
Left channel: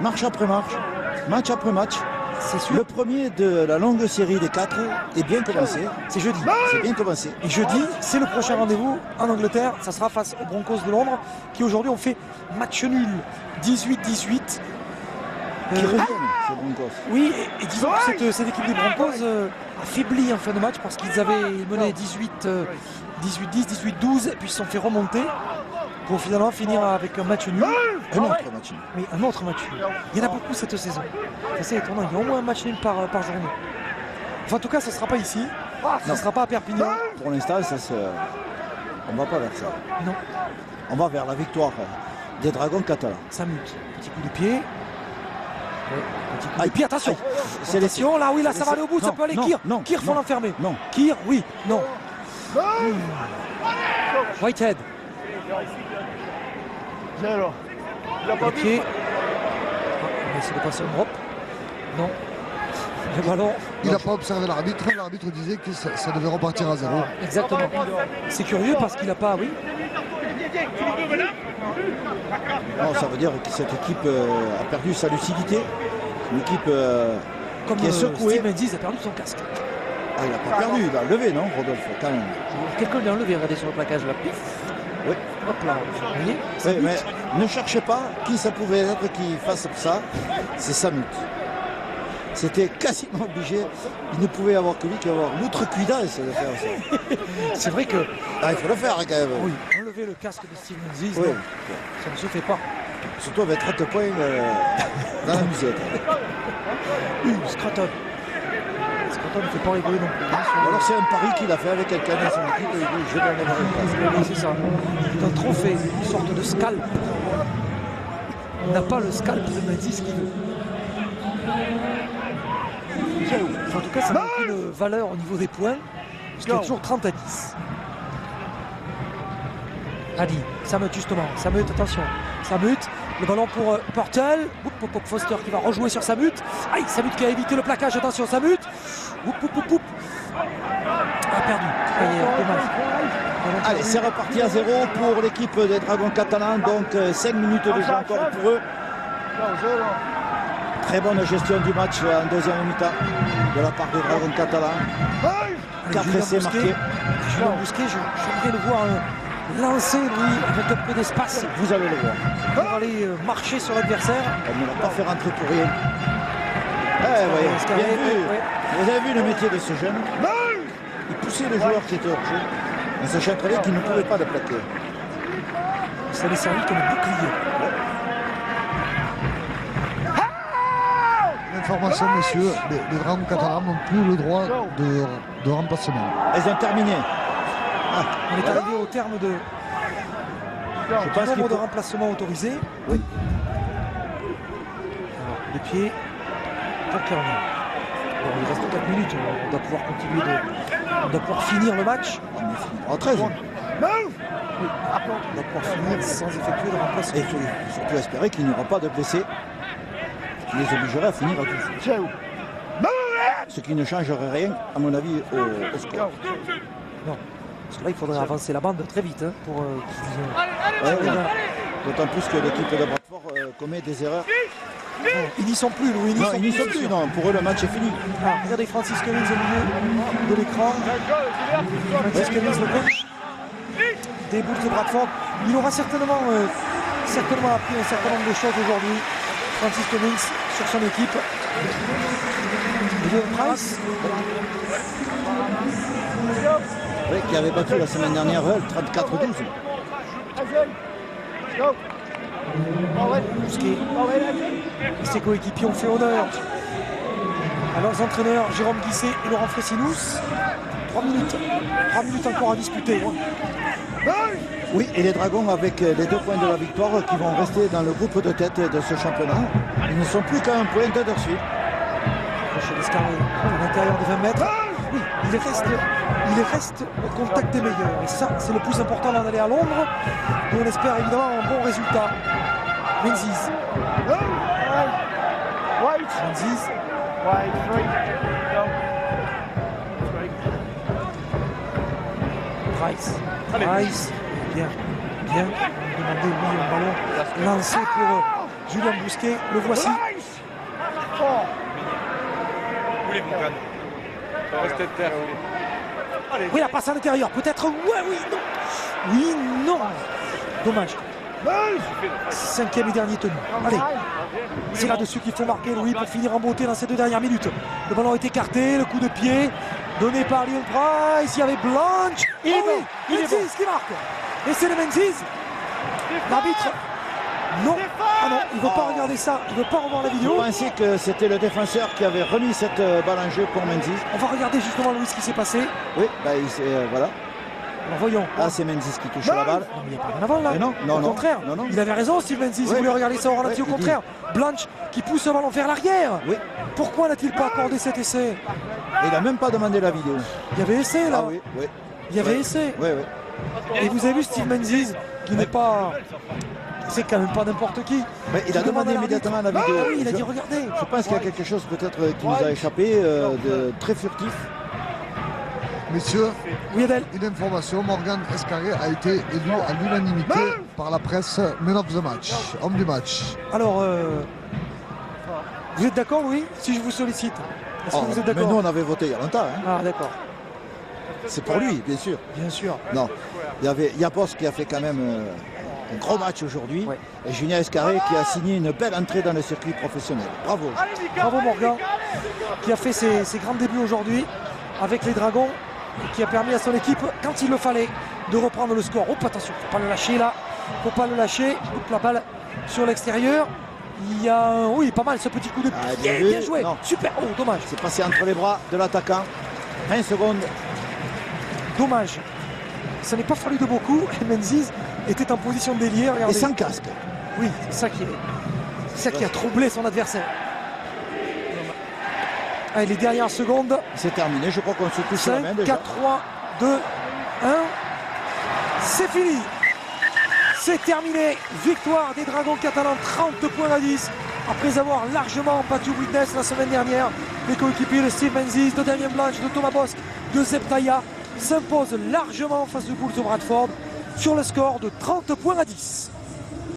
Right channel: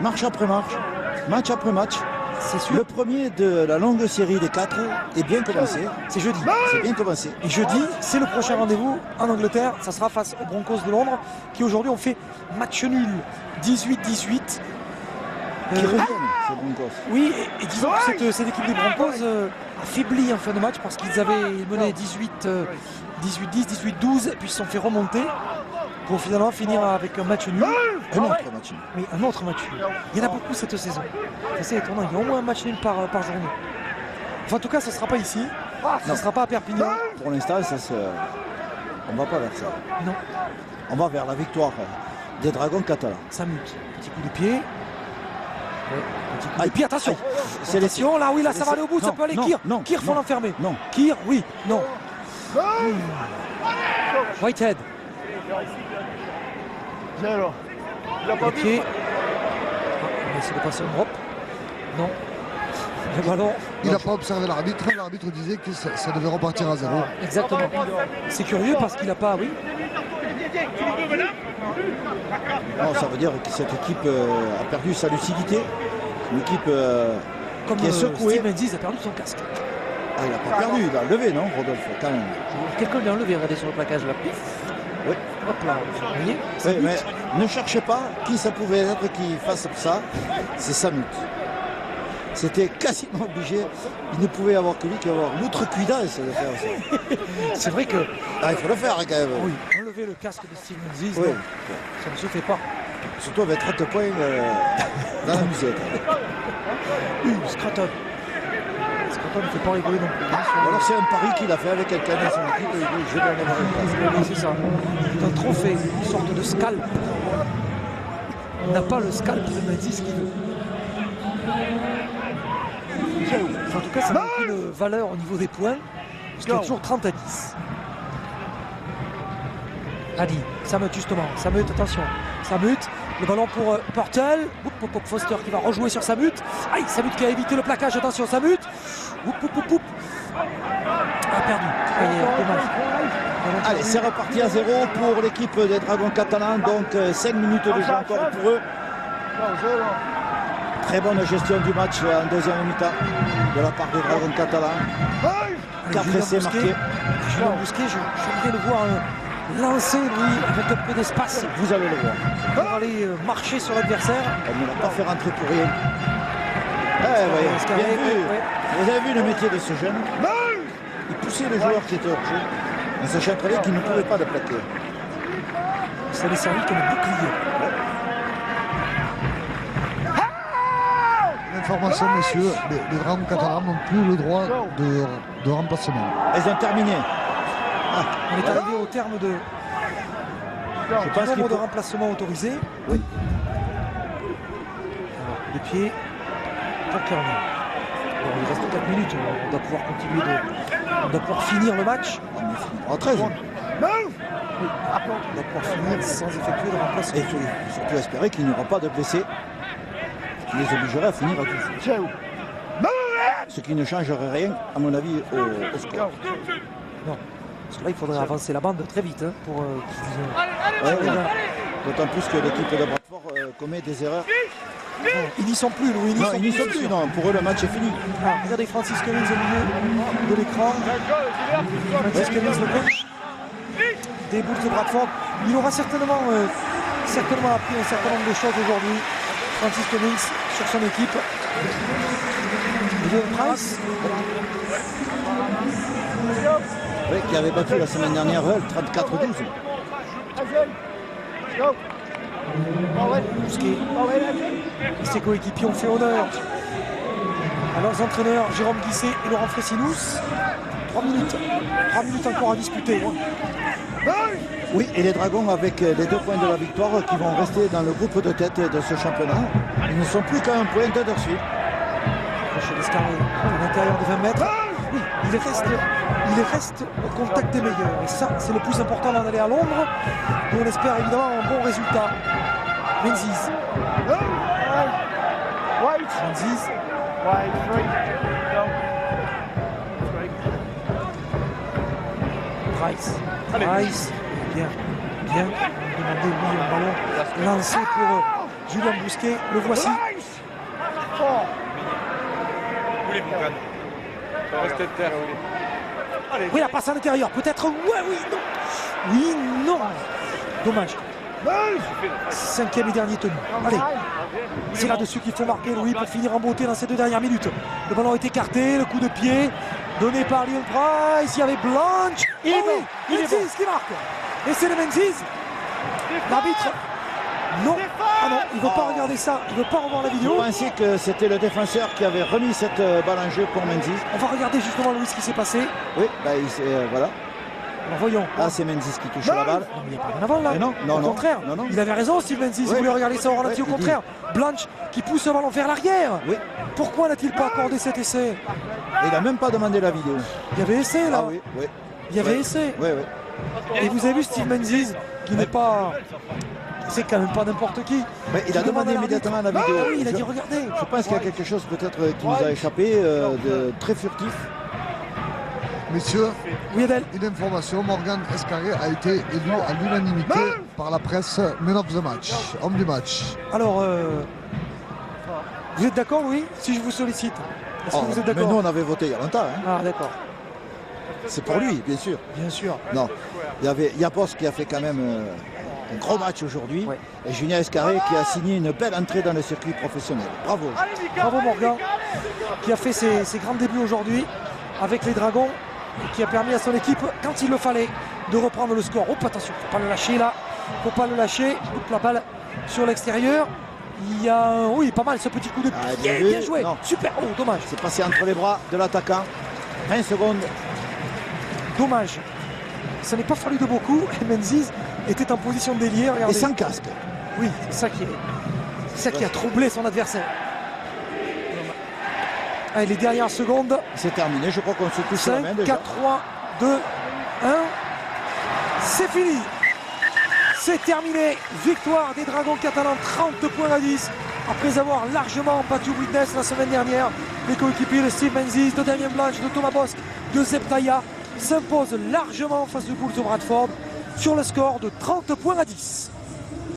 marche après marche, match après match. C'est sûr. Le premier de la longue série des 4 est bien commencé. C'est jeudi. C'est bien commencé. Et jeudi, c'est le prochain rendez-vous en Angleterre. Ça sera face aux Broncos de Londres qui aujourd'hui ont fait match nul 18-18. Qui reviennent, ces Broncos. Oui, et disons que cette équipe des Broncos affaiblit en fin de match parce qu'ils avaient mené 18-10, 18-12 et puis ils se sont fait remonter pour finalement finir avec un match nul. Un autre match. Oui, un autre match nul. Il y en a beaucoup cette saison. C'est assez étonnant. Il y a au moins un match nul par journée. Enfin, en tout cas, ce ne sera pas ici. Ce ne sera pas à Perpignan. Pour l'instant, on ne va pas vers ça. Non. On va vers la victoire des Dragons catalans. Ça mute. Petit coup de pied. Et puis attention, c'est attention, là, oui, là, ça va aller au bout, ça peut aller. Kir, faut l'enfermer. Non. Kir, oui, non. Whitehead. Ok. On va essayer de passer en drop. Non. Le ballon. Il n'a pas observé l'arbitre. L'arbitre disait que ça devait repartir à 0. Exactement. C'est curieux parce qu'il n'a pas, oui. Non, ça veut dire que cette équipe a perdu sa lucidité. Une équipe Comme qui est secouée. Steve Menzies a perdu son casque. Ah, il n'a pas perdu, il a levé, non, Rodolphe, quand même. Quelqu'un l'a enlevé, regardez sur le plaquage là. Pif. Oui. Hop là, vous voyez. Oui, mais ne cherchez pas qui ça pouvait être qui fasse ça. C'est Samut. C'était quasiment obligé. Il ne pouvait y avoir que lui qui avoir l'outrecuidance de faire ça. C'est vrai que. Ah, il faut le faire quand même. Oui, enlever le casque de Steve Menzies, Oui. ça ne se fait pas. Surtout avec 30 points dans la musette. Scraton. Scraton ne fait pas rigoler non plus. Ou alors c'est un pari qu'il a fait avec quelqu'un dans son équipe et il dit je vais en avoir une place. Oui, c'est ça. C'est un trophée, une sorte de scalp. Il n'a pas le scalp de Menzies qu'il veut. En tout cas, ça n'a aucune valeur au niveau des points, puisqu'il y a toujours 30-10. Adi, Samut justement, Samut, attention, Samut, le ballon pour Purtle, Foster qui va rejouer sur Samut, aïe, Samut qui a évité le plaquage, attention Samut, a perdu, dommage. Allez, c'est reparti à 0 pour l'équipe des Dragons catalans, donc 5 minutes de jeu encore pour eux. Très bonne gestion du match en deuxième mi-temps de la part des Dragons catalans. 4 essais marqués. Julien Bousquet, j'aimerais le voir lancer lui avec un peu d'espace. Vous allez le voir. Pour aller marcher sur l'adversaire. Elle ne l'a pas fait rentrer pour rien. Bien vu. Vous avez vu le métier de ce jeune. Il poussait les joueurs qui étaient hors jeu en sachant très bien qu'ils ne pouvaient pas le plaquer. Ça les servi comme un bouclier. Information, messieurs, les Dragons catalans n'ont plus le droit de remplacement. Elles ont terminé. On est arrivé au terme de Je pense nombre de remplacements autorisés. Oui. Alors, les pieds pour Kerner. Alors, il reste 4 minutes. On doit pouvoir continuer on doit pouvoir finir le match. En 13. On doit pouvoir finir sans effectuer de remplacement. Et il faut surtout espérer qu'il n'y aura pas de blessés qui les obligerait à finir à 12. Ce qui ne changerait rien, à mon avis, au score. Non. Parce que là, il faudrait avancer la bande très vite pour qu'ils Ouais. D'autant plus que l'équipe de Bradford commet des erreurs. Ils n'y sont plus, Louis. Non, ils n'y sont plus. Non. Pour eux, le match est fini. Ah, regardez Francis Cummins au milieu de l'écran. Francis Cummins, le coach des Bulls de Bradford. Il aura certainement appris un certain nombre de choses aujourd'hui. Francis Cummins sur son équipe. William Price. Oui, qui avait battu la semaine dernière 34-12. Bousquet et ses coéquipiers ont fait honneur à leurs entraîneurs Jérôme Guisset et Laurent Fressinous. 3 minutes encore à disputer. Oui, et les Dragons avec les 2 points de la victoire qui vont rester dans le groupe de tête de ce championnat. Ils ne sont plus qu'à un point d'Huddersfield. Crochet d'escarlet à l'intérieur des 20 mètres. Oui, il reste au contact des meilleurs. Et ça, c'est le plus important avant d'aller à Londres. Et on espère évidemment un bon résultat. Menzies. Menzies. Price. Price. Bien. On va demander oui, un ballon lancé pour Julien Bousquet. Le voici. Oui, la passe à l'intérieur. Peut-être. Oui, non. Dommage. 5e et dernier tenu. Allez. C'est là-dessus qu'il faut marquer, Louis, pour finir en beauté dans ces 2 dernières minutes. Le ballon est écarté, le coup de pied donné par Lyon Price. Il y avait Blanche. Et oui, Menzies qui marque. Et c'est le Menzies. L'arbitre. Non. Ah non, il ne veut pas regarder ça. Il ne veut pas revoir la vidéo. Je pensais que c'était le défenseur qui avait remis cette balle en jeu pour Menzies. On va regarder justement, Louis, ce qui s'est passé. Oui, voilà. Alors voyons. Ah, c'est Menzies qui touche la balle. Non, mais il n'y a pas rien avant là. Non, au contraire. Non. Il avait raison, Steve Menzies. Il voulait regarder ça au ralenti. Au contraire. Blanche qui pousse le ballon vers l'arrière. Oui. Pourquoi n'a-t-il pas accordé cet essai? Il n'a même pas demandé la vidéo. Il y avait essai là. Ah oui. Il y avait essai. Oui. Et vous avez vu Steve Menzies qui n'est pas. C'est quand même pas n'importe qui. Mais il a demandé immédiatement la vidéo. Oui, il a dit regardez. Je pense qu'il y a quelque chose peut-être qui nous a échappé de très furtif. Messieurs, Oui, Adèle. une information, Morgan Escarré a été élu à l'unanimité par la presse Man of the Match, homme du match. Alors, vous êtes d'accord, Louis, si je vous sollicite? Est-ce que vous êtes Mais d'accord? nous, on avait voté il y a longtemps. Hein. Ah, d'accord. C'est pour lui, bien sûr. Bien sûr. Non, il y avait Yapos qui a fait quand même un gros match aujourd'hui. Ouais. Et Julien Escarré qui a signé une belle entrée dans le circuit professionnel. Bravo. Bravo Morgan, qui a fait ses grands débuts aujourd'hui avec les Dragons et qui a permis à son équipe, quand il le fallait, de reprendre le score. Oh, attention, faut pas le lâcher là. Faut pas le lâcher. Coupe la balle sur l'extérieur. Il y a, oui, pas mal ce petit coup de pied. Bien joué. Non. Super. Oh, dommage. C'est passé entre les bras de l'attaquant. 20 secondes. Dommage. Ça n'est pas fallu de beaucoup. Menzies était en position de délier. Et sans casque. Oui, c'est ça qui a troublé son adversaire. Allez, les dernières secondes. C'est terminé. Je crois qu'on se touche la 5, main déjà. 4, 3, 2, 1. C'est fini. C'est terminé. Victoire des Dragons catalans, 30 points à 10. Après avoir largement battu Witness la semaine dernière, les coéquipiers de Steve Menzies, de Damien Blanche, de Thomas Bosque, de Zeptaya s'imposent largement face aux Bulls de Bradford sur le score de 30 points à 10.